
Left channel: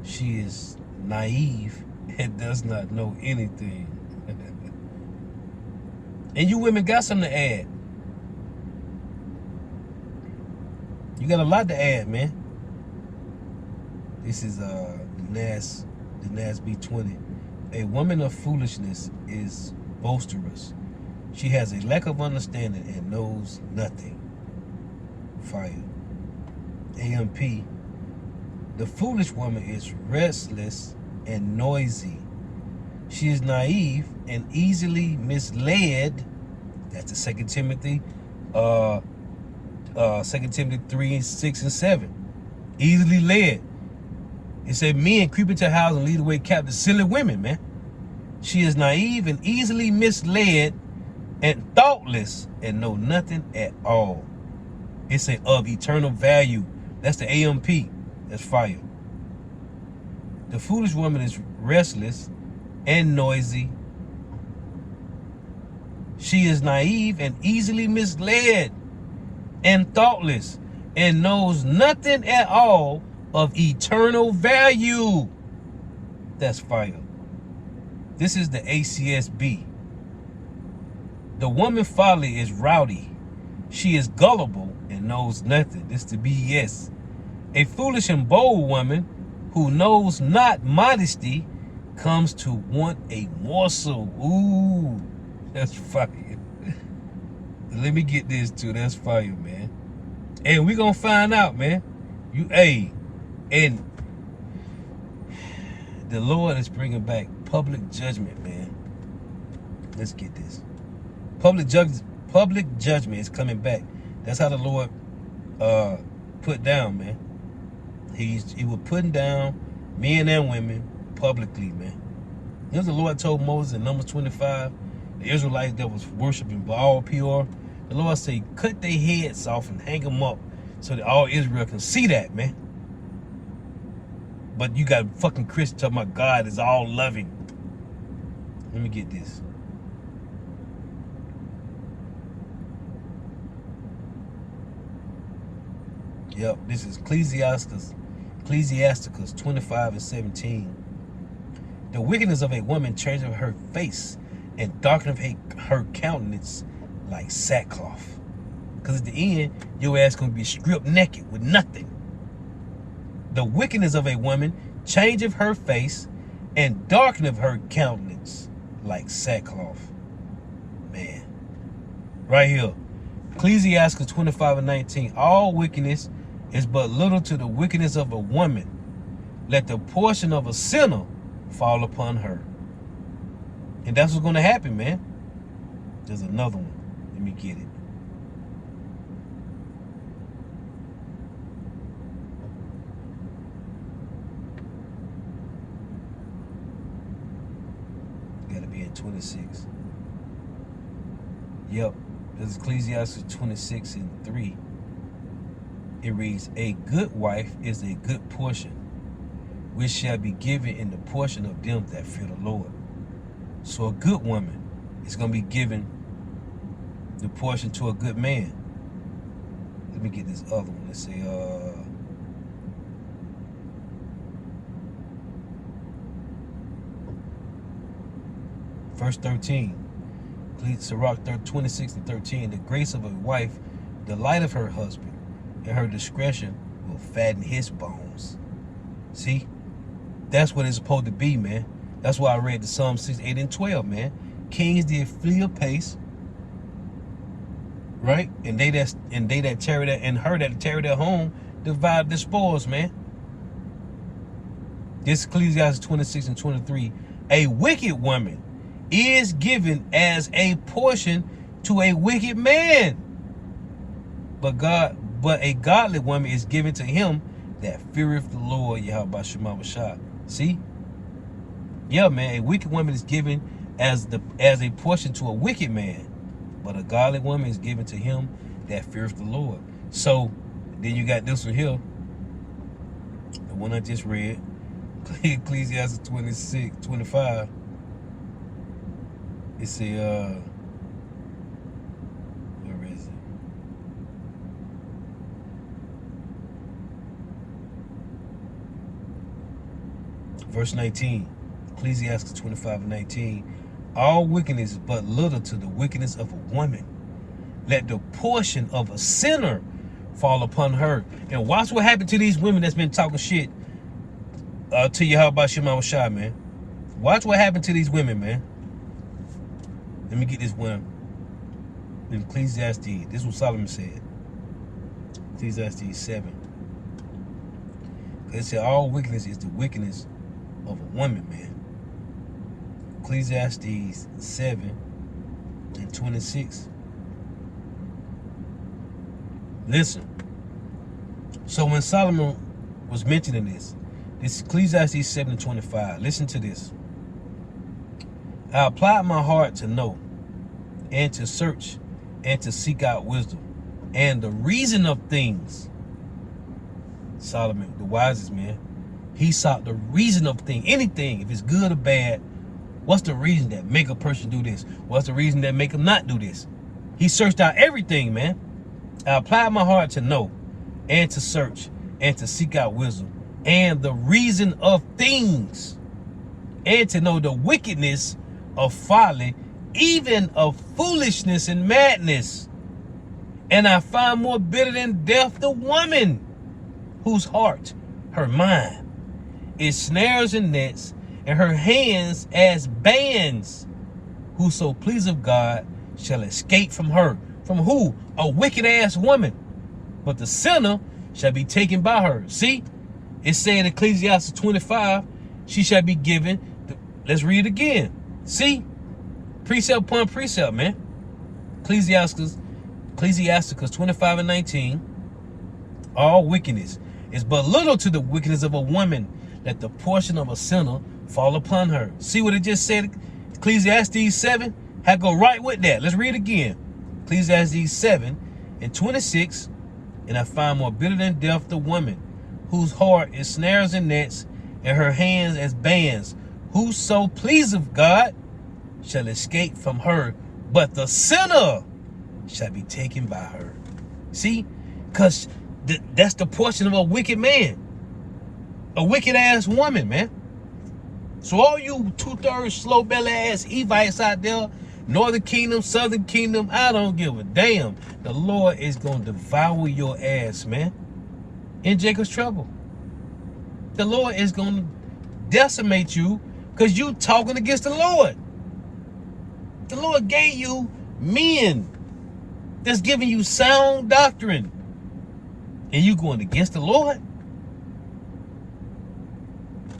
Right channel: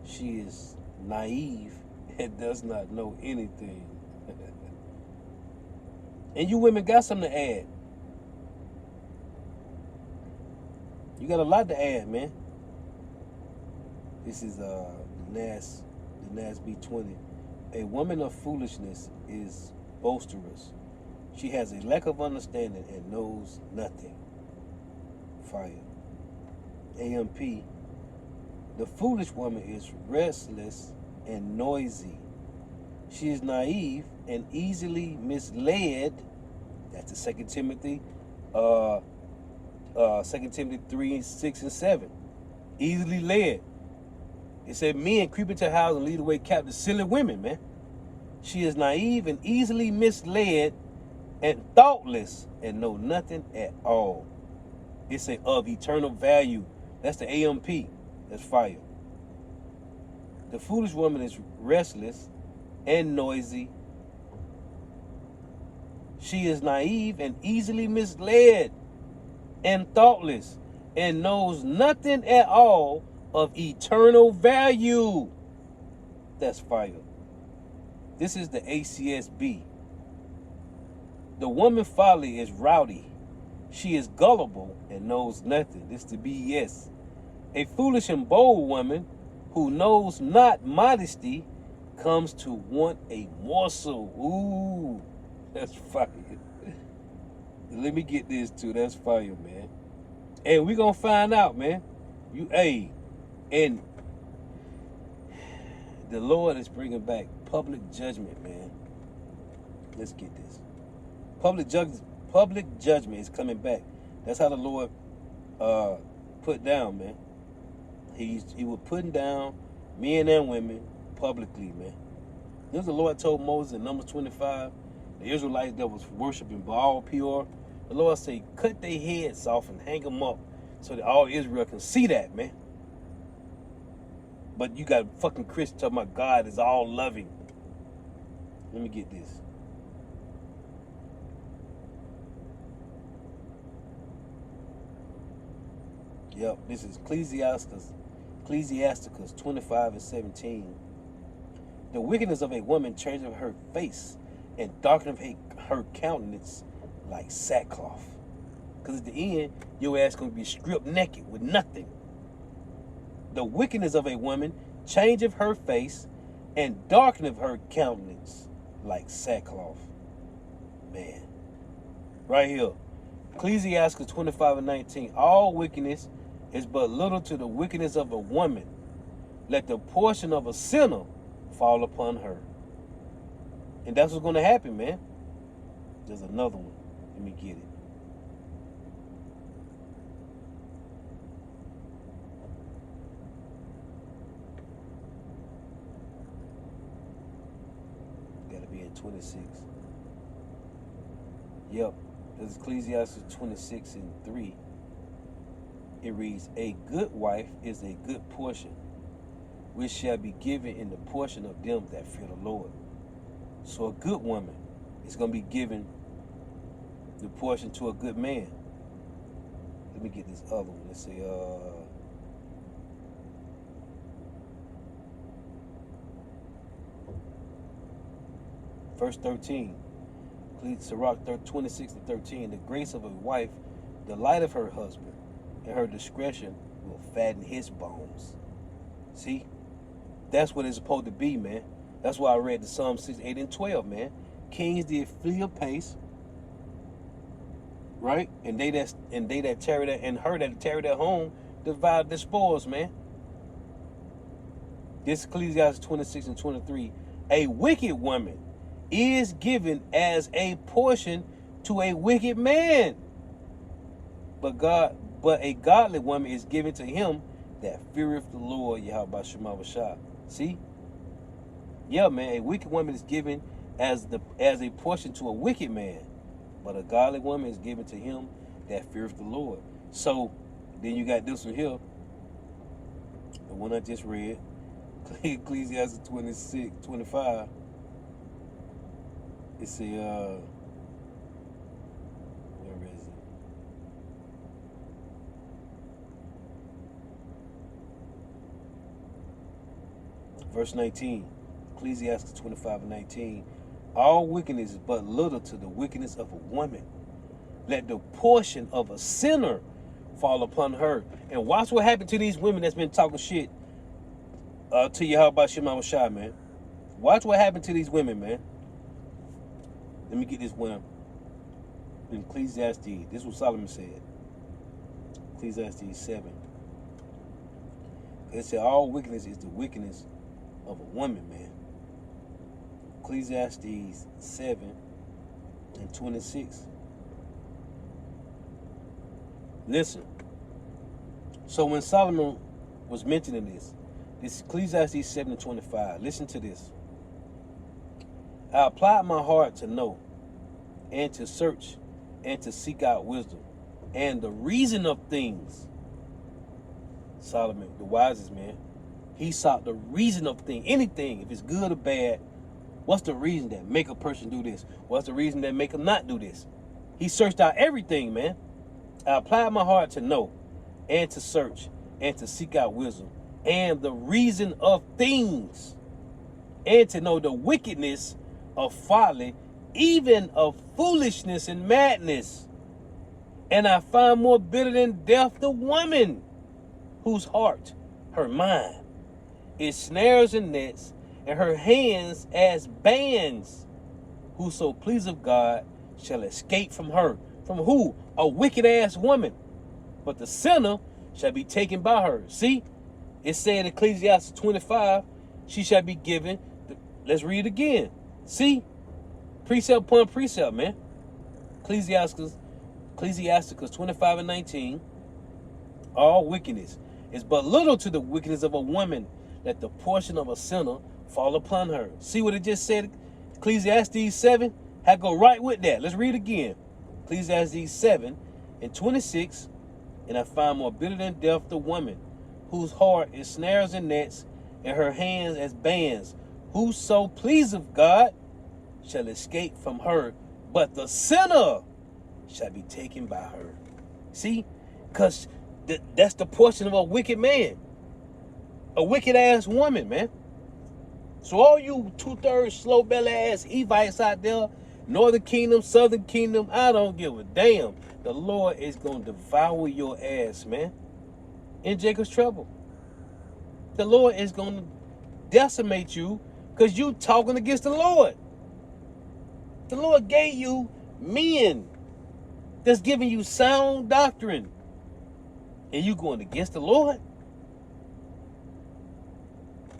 She is naive and does not know anything. And you women got something to add. You got a lot to add, man. This is the NAS B20. A woman of foolishness is boisterous. She has a lack of understanding and knows nothing. Fire. AMP. The foolish woman is restless and noisy. She is naive and easily misled. That's the 2 Timothy 2 Timothy 3:6-7. Easily led. It said men creep into her house and lead away captive. Silly women, man. She is naive and easily misled and thoughtless and know nothing at all. It's of eternal value. That's the AMP. That's fire. The foolish woman is restless and noisy. She is naive and easily misled and thoughtless and knows nothing at all of eternal value. That's fire. This is the ACSB. The woman Folly is rowdy. She is gullible and knows nothing. This is the BS. A foolish and bold woman who knows not modesty comes to want a morsel. Ooh, that's fire. Let me get this too. That's fire, man. And we gonna find out, man. And the Lord is bringing back public judgment, man. Let's get this. Public judgment is coming back. That's how the Lord put down, man. He was putting down men and women publicly, man. You know the Lord told Moses in Numbers 25, the Israelites that was worshiping Baal Peor, the Lord said, cut their heads off and hang them up so that all Israel can see that, man. But you got fucking Christians talking about God is all loving. Let me get this. Yep, this is Ecclesiasticus 25:17. The wickedness of a woman changeth her face, and darkeneth her countenance like sackcloth. Because at the end, your ass gonna be stripped naked with nothing. The wickedness of a woman changeth her face, and darkeneth her countenance like sackcloth. Man. Right here. Ecclesiastes 25:19. All wickedness is but little to the wickedness of a woman. Let the portion of a sinner fall upon her. And that's what's going to happen, man. There's another one. Let me get it. Got to be in 26. Yep. This is Ecclesiastes 26:3. It reads, a good wife is a good portion, which shall be given in the portion of them that fear the Lord. So a good woman is going to be given the portion to a good man. Let me get this other one. Let's say, verse 13. Sirach 26:13. The grace of a wife delighteth her husband, and her discretion will fatten his bones. See? That's what it's supposed to be, man. That's why I read the Psalm 6:8-12, man. Kings did flee apace, right? And they that tarry there, and her that tarry their home, divide the spoils, man. This Ecclesiastes 26:23. A wicked woman is given as a portion to a wicked man, but a godly woman is given to him that feareth the Lord, Yahweh Shema Shah. See? Yeah, man, a wicked woman is given as a portion to a wicked man, but a godly woman is given to him that feareth the Lord. So then you got this one here, the one I just read, Ecclesiastes 26:25. It say, where is it? Verse 19, Ecclesiastes 25:19. All wickedness is but little to the wickedness of a woman. Let the portion of a sinner fall upon her. And watch what happened to these women that's been talking shit to Yahweh Shema Shah, man. Watch what happened to these women, man. Let me get this one. In Ecclesiastes, this is what Solomon said. Ecclesiastes 7. It said all wickedness is the wickedness of a woman, man. Ecclesiastes 7:26. Listen. So when Solomon was mentioning this Ecclesiastes 7:25. Listen to this. I applied my heart to know, and to search, and to seek out wisdom, and the reason of things. Solomon, the wisest man, he sought the reason of things. Anything, if it's good or bad, what's the reason that make a person do this? What's the reason that make them not do this? He searched out everything, man. I applied my heart to know, and to search, and to seek out wisdom, and the reason of things, and to know the wickedness of folly, even of foolishness and madness. And I find more bitter than death the woman whose heart, her mind, is snares and nets, and her hands as bands. Whoso pleaseth God shall escape from her. From who? A wicked ass woman. But the sinner shall be taken by her. See? It said in Ecclesiastes 25, she shall be given. Let's read it again. See? Precept upon precept, man. Ecclesiasticus 25:19. All wickedness is but little to the wickedness of a woman. Let the portion of a sinner fall upon her. See what it just said? Ecclesiastes 7 had to go right with that. Let's read it again. Ecclesiastes 7:26. And I find more bitter than death the woman whose heart is snares and nets, and her hands as bands. Whoso pleaseth God shall escape from her, but the sinner shall be taken by her. See? Because That's the portion of a wicked man. A wicked ass woman, man. So all you 2/3 slow belly ass Evites out there, Northern Kingdom, Southern Kingdom, I don't give a damn. The Lord is going to devour your ass, man. In Jacob's trouble. The Lord is going to decimate you because you talking against the Lord. The Lord gave you men that's giving you sound doctrine. And you going against the Lord?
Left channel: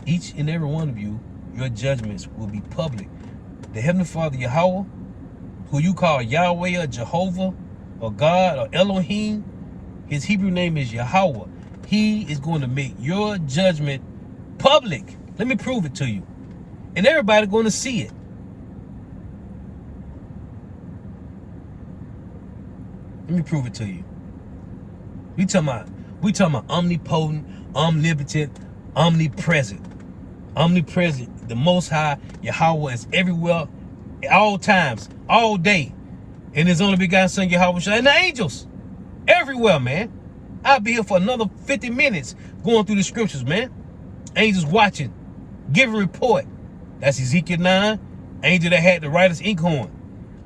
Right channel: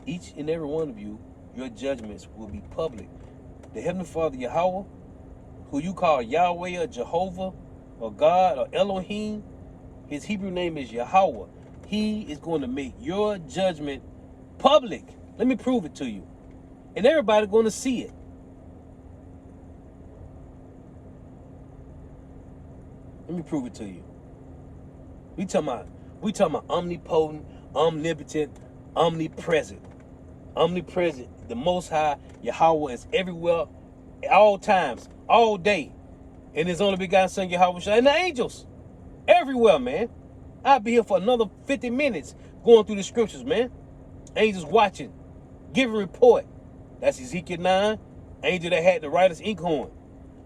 Each and every one of you, your judgments will be public. The Heavenly Father, Yahweh, who you call Yahweh or Jehovah or God or Elohim, his Hebrew name is Yahweh. He is going to make your judgment public. Let me prove it to you. And everybody's going to see it. Let me prove it to you. We talking about omnipotent, omnipotent, omnipresent. Omnipresent, the Most High, Yahweh is everywhere, at all times, all day. And his only begotten Son, Yahweh, and the angels. Everywhere, man. I'll be here for another 50 minutes going through the scriptures, man. Angels watching, giving report. That's Ezekiel 9, angel that had the writer's inkhorn.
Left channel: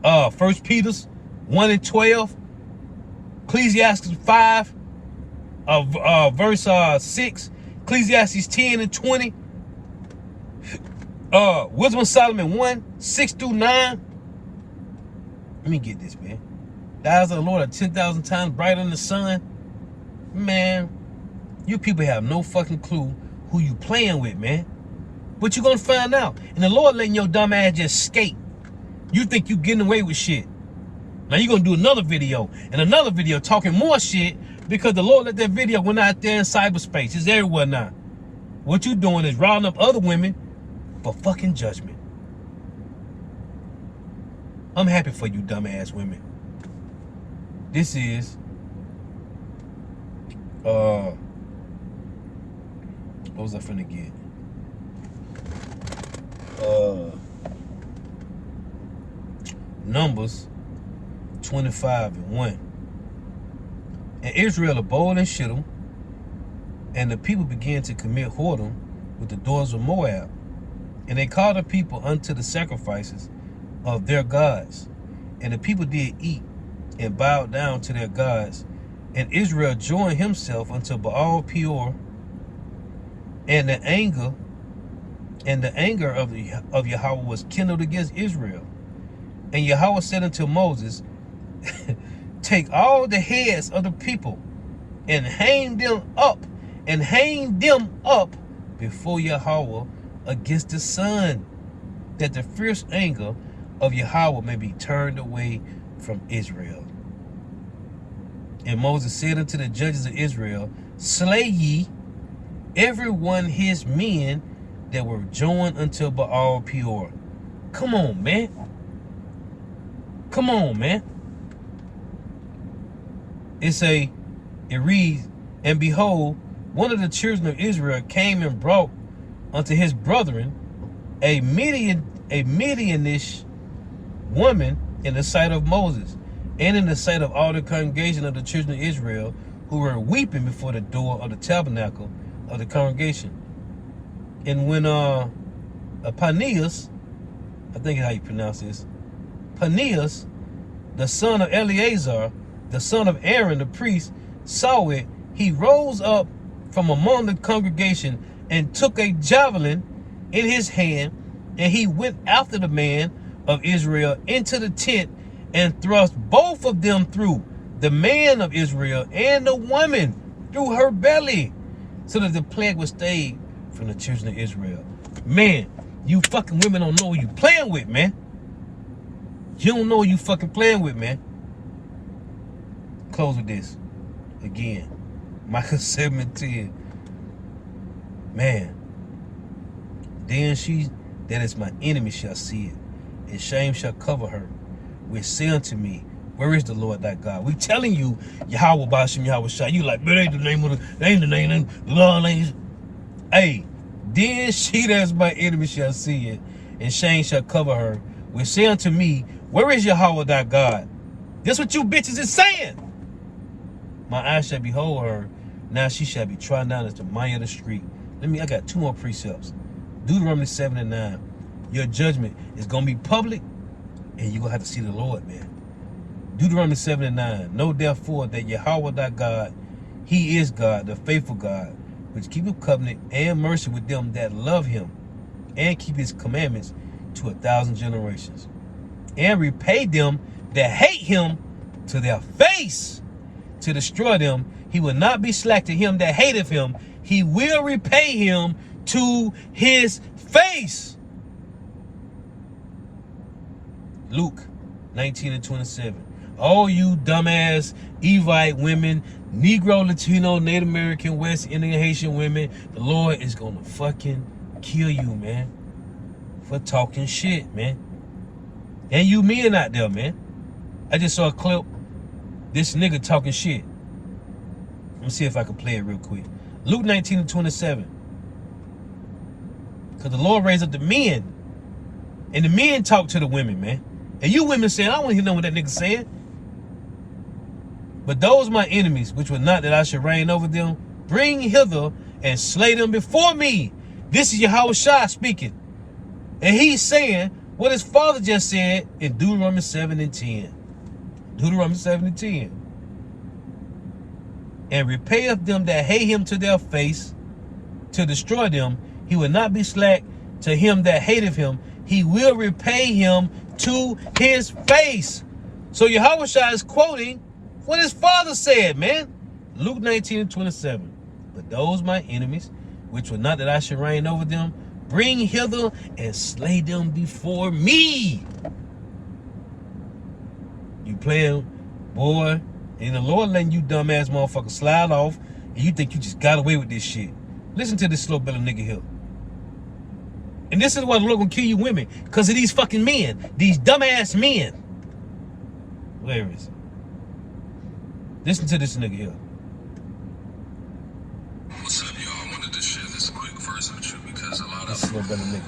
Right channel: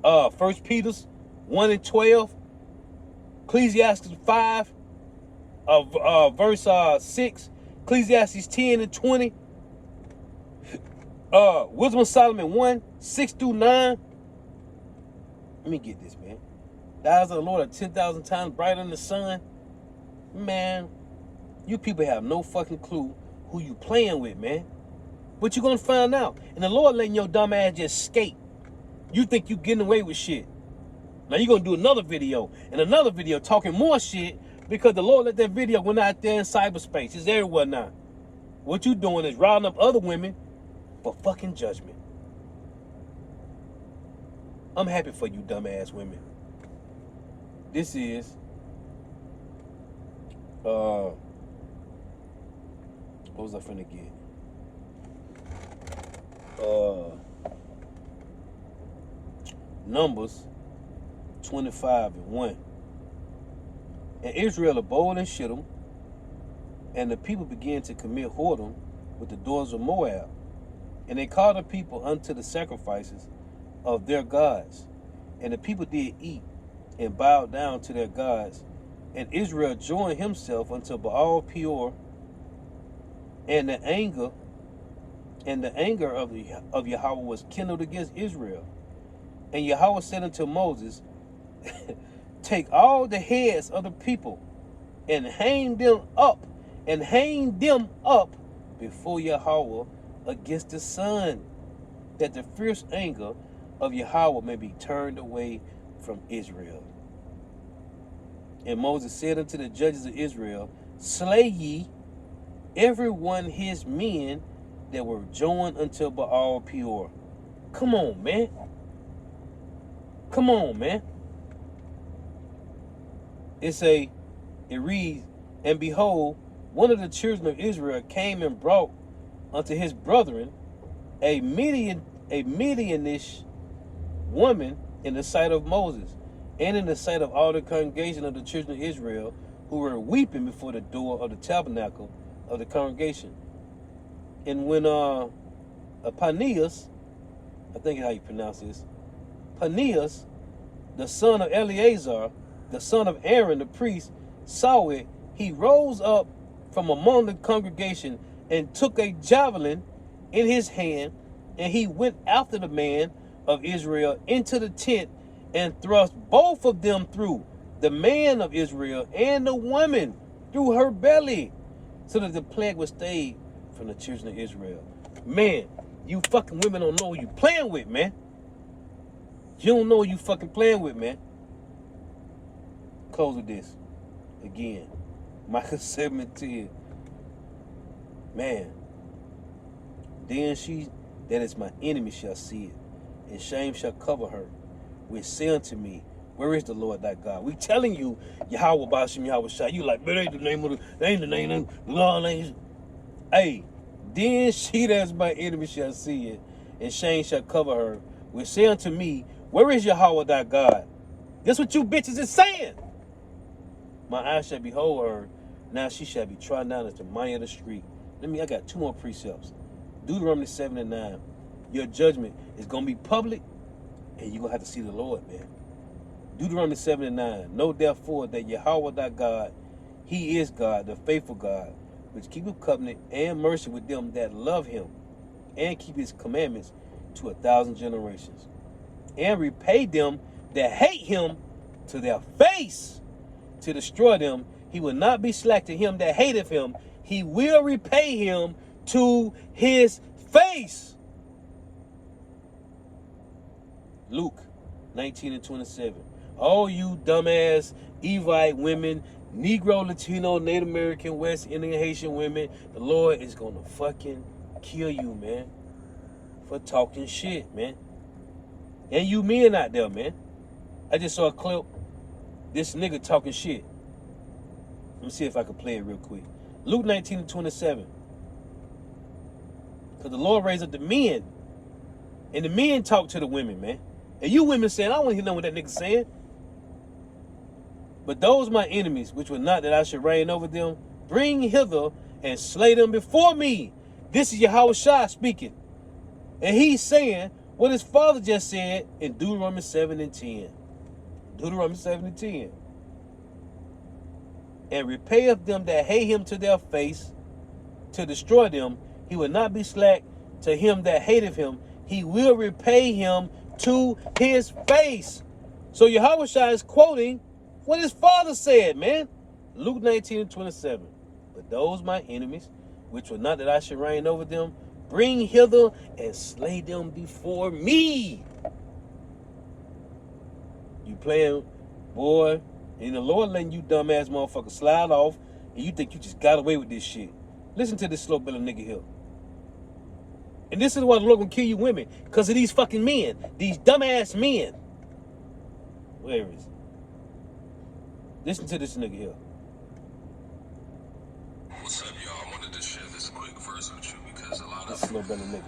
1 Peter 1 and 12. Ecclesiastes 5, verse 6. Ecclesiastes 10 and 20. Wisdom of Solomon 1, 6 through 9. Let me get this, man. The eyes of the Lord are 10,000 times brighter than the sun. Man, you people have no fucking clue who you playing with, man. But you're gonna find out. And the Lord letting your dumb ass just skate. You think you getting away with shit. Now you're gonna do another video and another video talking more shit because the Lord let that video went out there in cyberspace. It's everywhere now. What you doing is rounding up other women for fucking judgment. I'm happy for you dumbass women. This is what was I finna get? Numbers 25 and 1. And Israel abode in Shittim, and the people began to commit whoredom with the daughters of Moab. And they called the people unto the sacrifices of their gods. And the people did eat and bowed down to their gods. And Israel joined himself unto Baal Peor. And the anger of Yahweh was kindled against Israel. And Yahweh said unto Moses, take all the heads of the people and hang them up before Yahweh against the sun, that the fierce anger of Yahweh may be turned away from Israel. And Moses said unto the judges of Israel, slay ye every one his men that were joined unto Baal Peor. Come on, man. Come on, man. It reads, and behold, one of the children of Israel came and brought unto his brethren a Midianish woman in the sight of Moses, and in the sight of all the congregation of the children of Israel, who were weeping before the door of the tabernacle of the congregation. And when Phinehas, I think is how you pronounce this, Phinehas, the son of Eleazar, the son of Aaron the priest, saw it, he rose up from among the congregation and took a javelin in his hand, and he went after the man of Israel into the tent and thrust both of them through, the man of Israel and the woman through her belly, so that the plague was stayed from the children of Israel. Man, you fucking women don't know who you playing with, man. You don't know who you fucking playing with, man. Close with this. Again, Micah 7:10. Man, then she that is my enemy shall see it, and shame shall cover her, which say unto me, where is the Lord thy God? We telling you, Yahweh Bashim Yahweh Shai. You like, but ain't the name of ain't the name, hey, then she that is my enemy shall see it, and shame shall cover her, which say unto me, where is Yahweh thy God? That's what you bitches is saying. My eyes shall behold her. Now she shall be trodden down as the mire of the street. I got 2 more precepts. Deuteronomy 7 and 9. Your judgment is going to be public, and you're going to have to see the Lord, man. Deuteronomy 7 and 9. Know therefore that Yahweh thy God, he is God, the faithful God, which keepeth covenant and mercy with them that love him, and keep his commandments to 1,000 generations, and repay them that hate him to their face, to destroy them. He will not be slack to him that hateth him. He will repay him to his face. Luke 19 and 27. All you dumbass Evite women, Negro, Latino, Native American, West Indian, Haitian women, the Lord is gonna fucking kill you, man, for talking shit, man. And you men out there, man. I just saw a clip. This nigga talking shit. Let me see if I can play it real quick. Luke 19 and 27. Because the Lord raised up the men. And the men talk to the women, man. And you women saying, I don't want to hear what that nigga saying. But those my enemies, which were not that I should reign over them, bring hither and slay them before me. This is Yahushua speaking. And he's saying what his father just said in Deuteronomy 7 and 10. Deuteronomy 7 and 10. And repayeth them that hate him to their face, to destroy them. He will not be slack to him that hateth him. He will repay him to his face. So Yahushua is quoting what his father said, man. Luke 19 and 27. But those my enemies, which were not that I should reign over them, bring hither and slay them before me. You playing, boy, and the Lord letting you dumbass motherfucker slide off, and you think you just got away with this shit. Listen to this slow belly nigga here. And this is why the Lord gonna kill you women, because of these fucking men, these dumbass men. Where is it? Listen to this nigga here. What's up, y'all? I wanted to share this quick verse with you because a lot of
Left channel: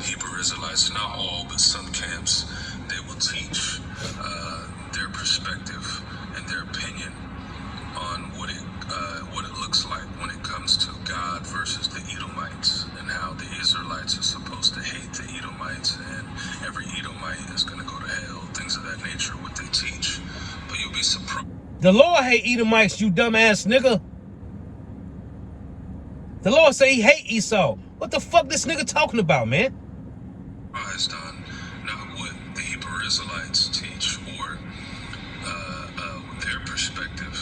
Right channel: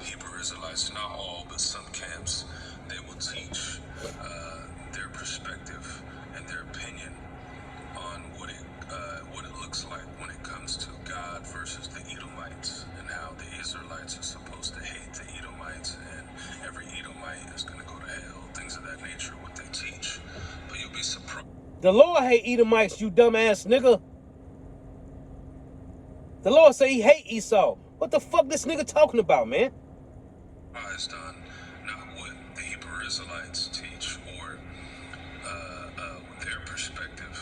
Hebrew Israelites, not all, but some camps, they will teach their perspective and their opinion on what it looks like when it comes to God versus the Edomites, and how the Israelites are supposed to hate the Edomites, and every Edomite is going to go to hell, things of that nature, what they teach. But you'll be surprised. The Lord hate Edomites, you dumbass nigga. The Lord say he hate Esau. What the fuck this nigga talking about, man? Surprised on not what the Hebrew Israelites teach or their perspective,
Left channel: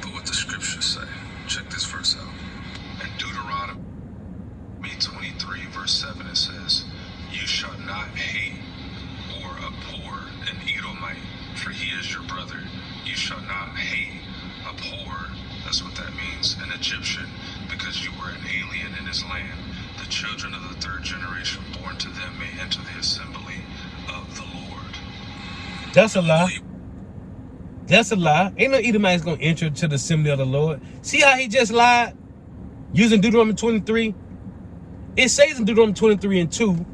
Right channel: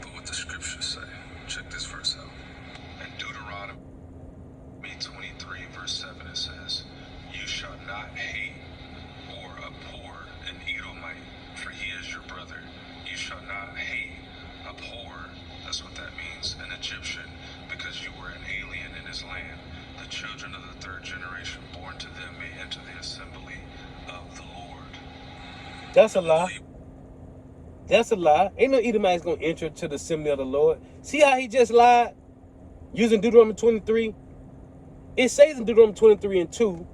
but what the scriptures say. Check this verse out. In Deuteronomy 23, verse 7, it says, you shall not hate or abhor an Edomite, for he is your brother. You shall not hate, abhor, that's what that means, an Egyptian, because you were an alien in his land. The children of the third generation born to them may enter the assembly of the Lord. That's a lie. That's a lie. Ain't no Edomite's gonna enter to the assembly of the Lord. See how he just lied? Using Deuteronomy 23. It says in Deuteronomy 23 and 2,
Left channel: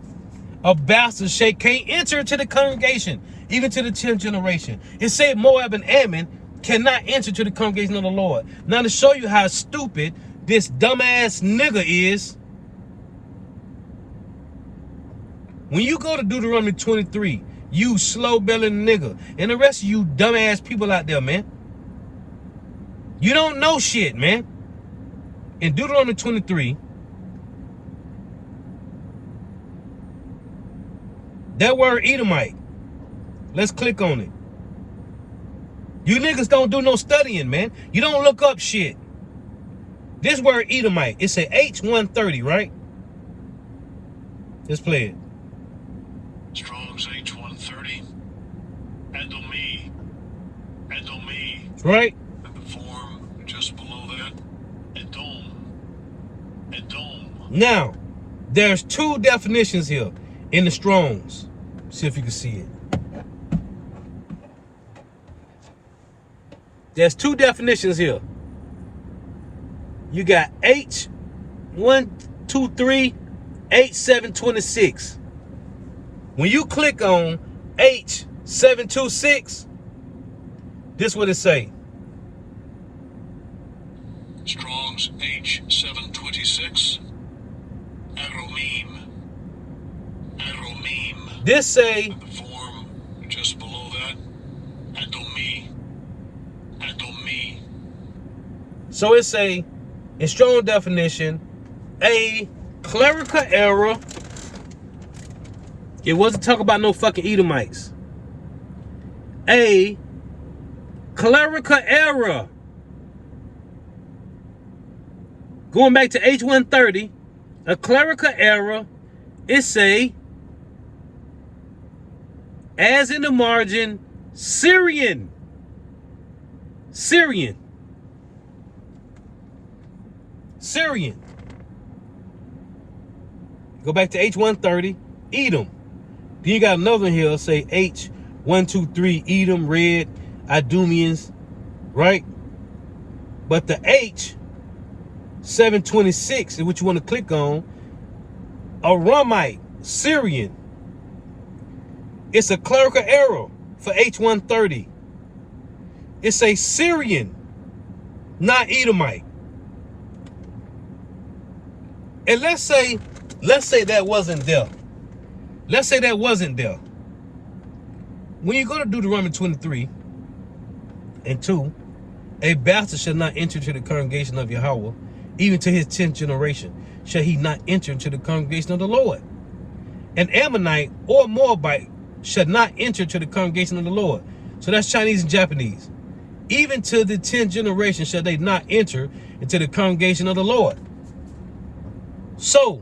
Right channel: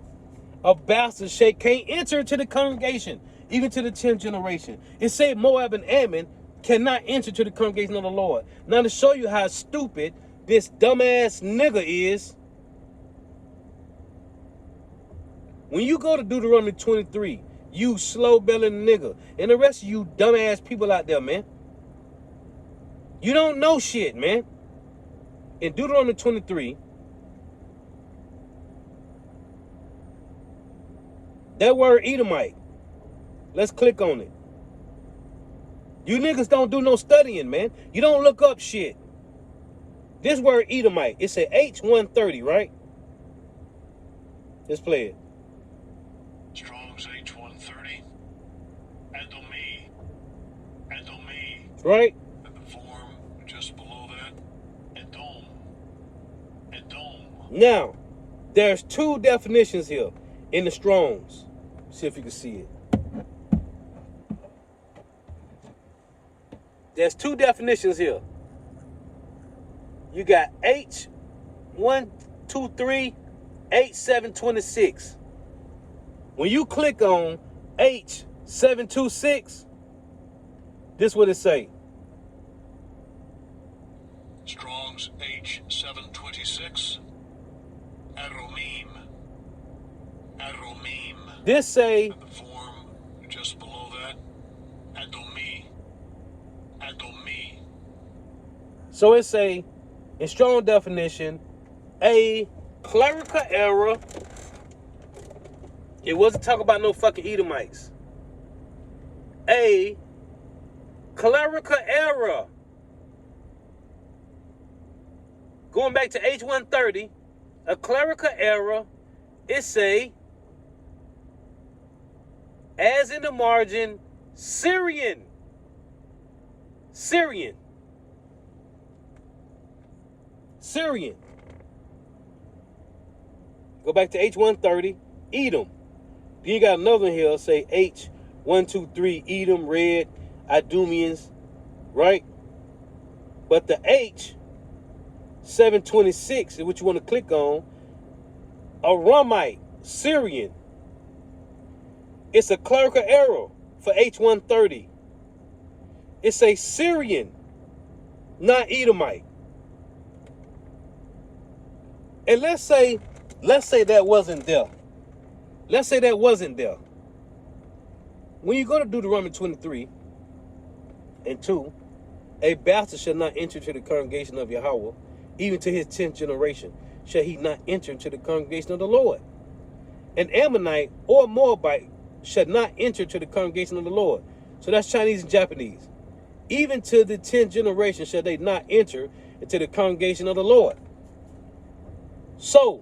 a bastard shake can't enter to the congregation, even to the 10th generation. It said Moab and Ammon cannot enter to the congregation of the Lord. Now to show you how stupid this dumbass nigga is, when you go to Deuteronomy 23, you slow-bellied nigga, and the rest of you dumbass people out there, man, you don't know shit, man. In Deuteronomy 23, that word Edomite, let's click on it. You niggas don't do no studying, man. You don't look up shit. This word Edomite, it's an H130, right? Let's play it. Strong's H130. Edomi. Right? The form just below that. Edom. Now, there's 2 definitions here in the Strongs. See if you can see it. There's 2 definitions here. You got H123, H726. When you click on H726, this is what it say. Strong's H726. Aromim. Aromim. This say, And the form just below that, Adomi. Adomi. so it say, in strong definition, a clerical error. It wasn't talking about no fucking Edomites. A clerical error. Going back to H130, a clerical error, it say, as in the margin, Syrian. Syrian. Syrian. Go back to H130, Edom. Then you got another one here, say H123, Edom, Red, Idumeans, right? But the H726 is what you want to click on. Aramite, Syrian. It's a clerical error for H130. It's a Syrian, not Edomite. And let's say that wasn't there. Let's say that wasn't there. When you go to Deuteronomy 23 and 2, a bastard shall not enter into the congregation of Yahweh, even to his 10th generation shall he not enter into the congregation of the Lord. An Ammonite or Moabite shall not enter to the congregation of the Lord. So that's Chinese and Japanese. Even to the 10th generation shall they not enter into the congregation of the Lord. So,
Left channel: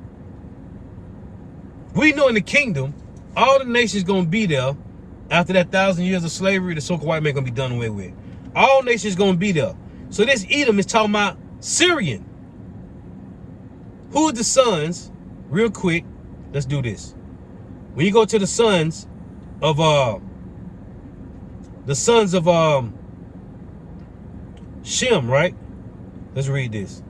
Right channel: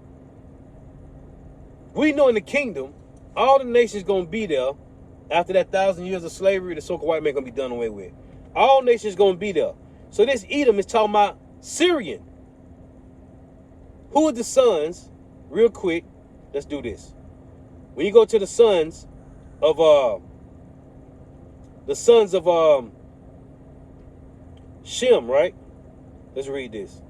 we know in the kingdom, all the nations going to be there after that 1,000 years of slavery. The so-called white man going to be done away with. All nations going to be there. So this Edom is talking about Syrian. Who are the sons? Real quick, let's do this. When you go to the sons of Shem, right? Let's read this.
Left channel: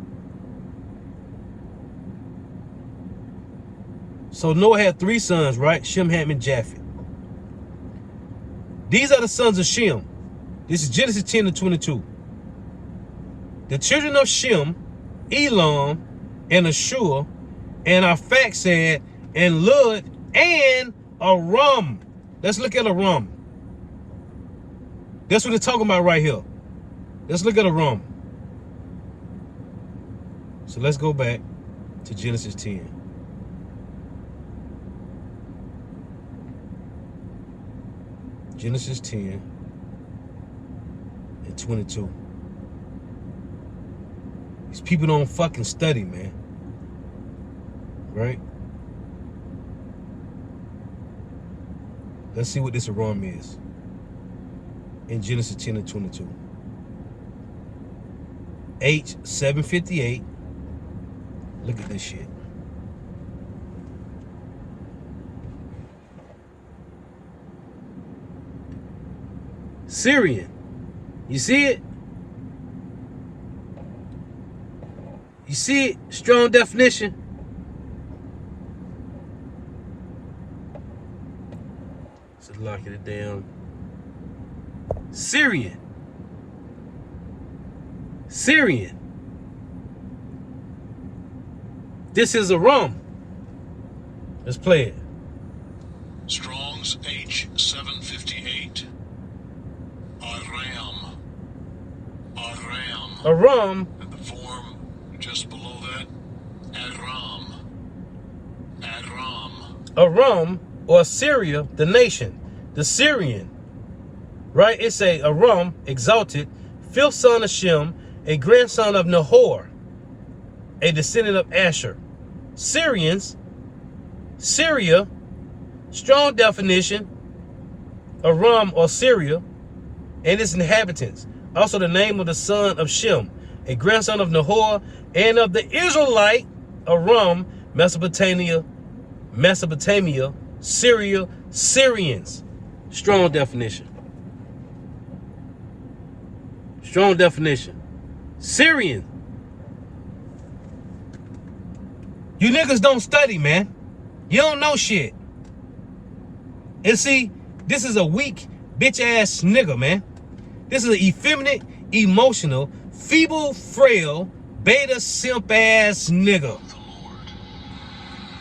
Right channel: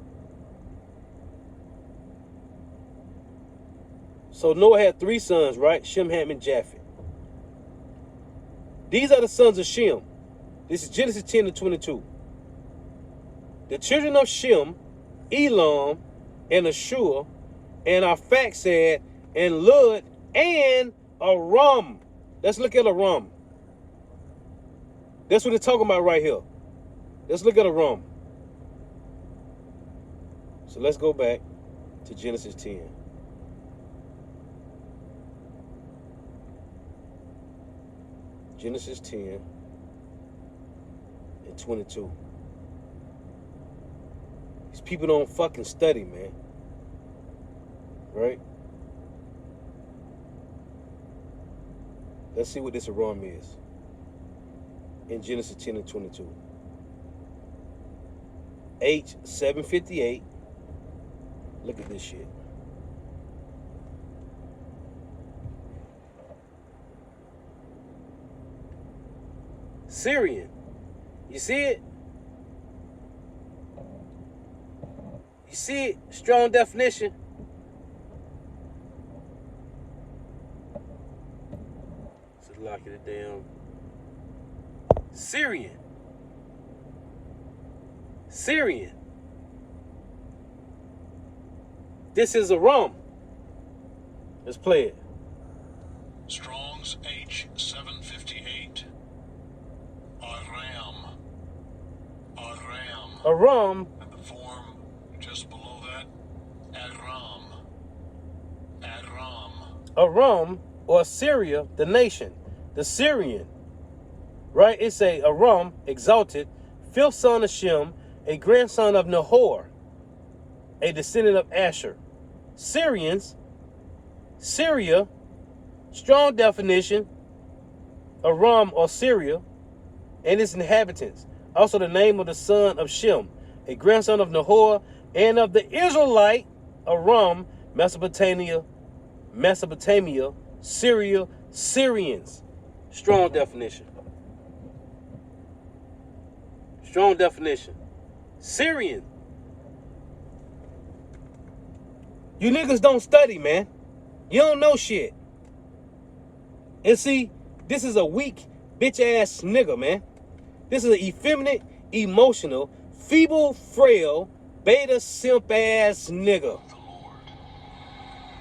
So Noah had 3 sons, right? Shem, Ham, and Japheth. These are the sons of Shem. This is Genesis 10 to 22. The children of Shem, Elam, and Ashur, and Arphaxad, and Lud, and Aram. Let's look at Aram. That's what it's talking about right here. Let's look at Aram. So let's go back to Genesis 10. Genesis 10 and 22. These people don't fucking study, man. Right? Let's see what this Aram is. In Genesis 10 and 22. H758. Look at this shit. Syrian. You see it? You see it? Strong definition. So lock it down. Syrian. Syrian. This is Aram. Let's play it. Strong's H758. Aram. Aram. Aram. And the form just below that, Aram. Aram. Aram, or Syria, the nation, the Syrian, right? It's a Aram, exalted, 5th son of Shem, a grandson of Nahor, a descendant of Asher. Syrians, Syria, strong definition, Aram or Syria, and its inhabitants. Also the name of the son of Shem, a grandson of Nahor, and of the Israelite, Aram, Mesopotamia, Syria, Syrians. Strong definition. Strong definition. Syrian. You niggas don't study, man. You don't know shit. And see, this is a weak, bitch-ass nigga, man. This is an effeminate, emotional, feeble, frail, beta simp ass nigga. The Lord.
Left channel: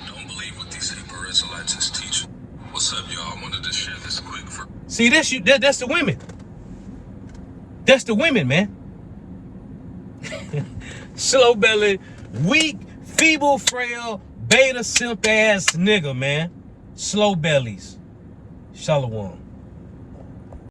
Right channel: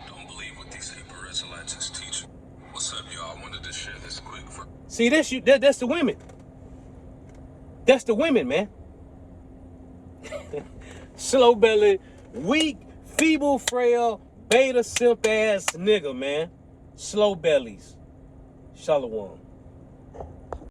Don't believe what these Hebrew Israelites is teaching. What's up, y'all? I wanted to share this quick for. See, that's the women. That's the women, man. Slow belly, weak, feeble, frail, beta simp ass nigga, man. Slow bellies. Shalom.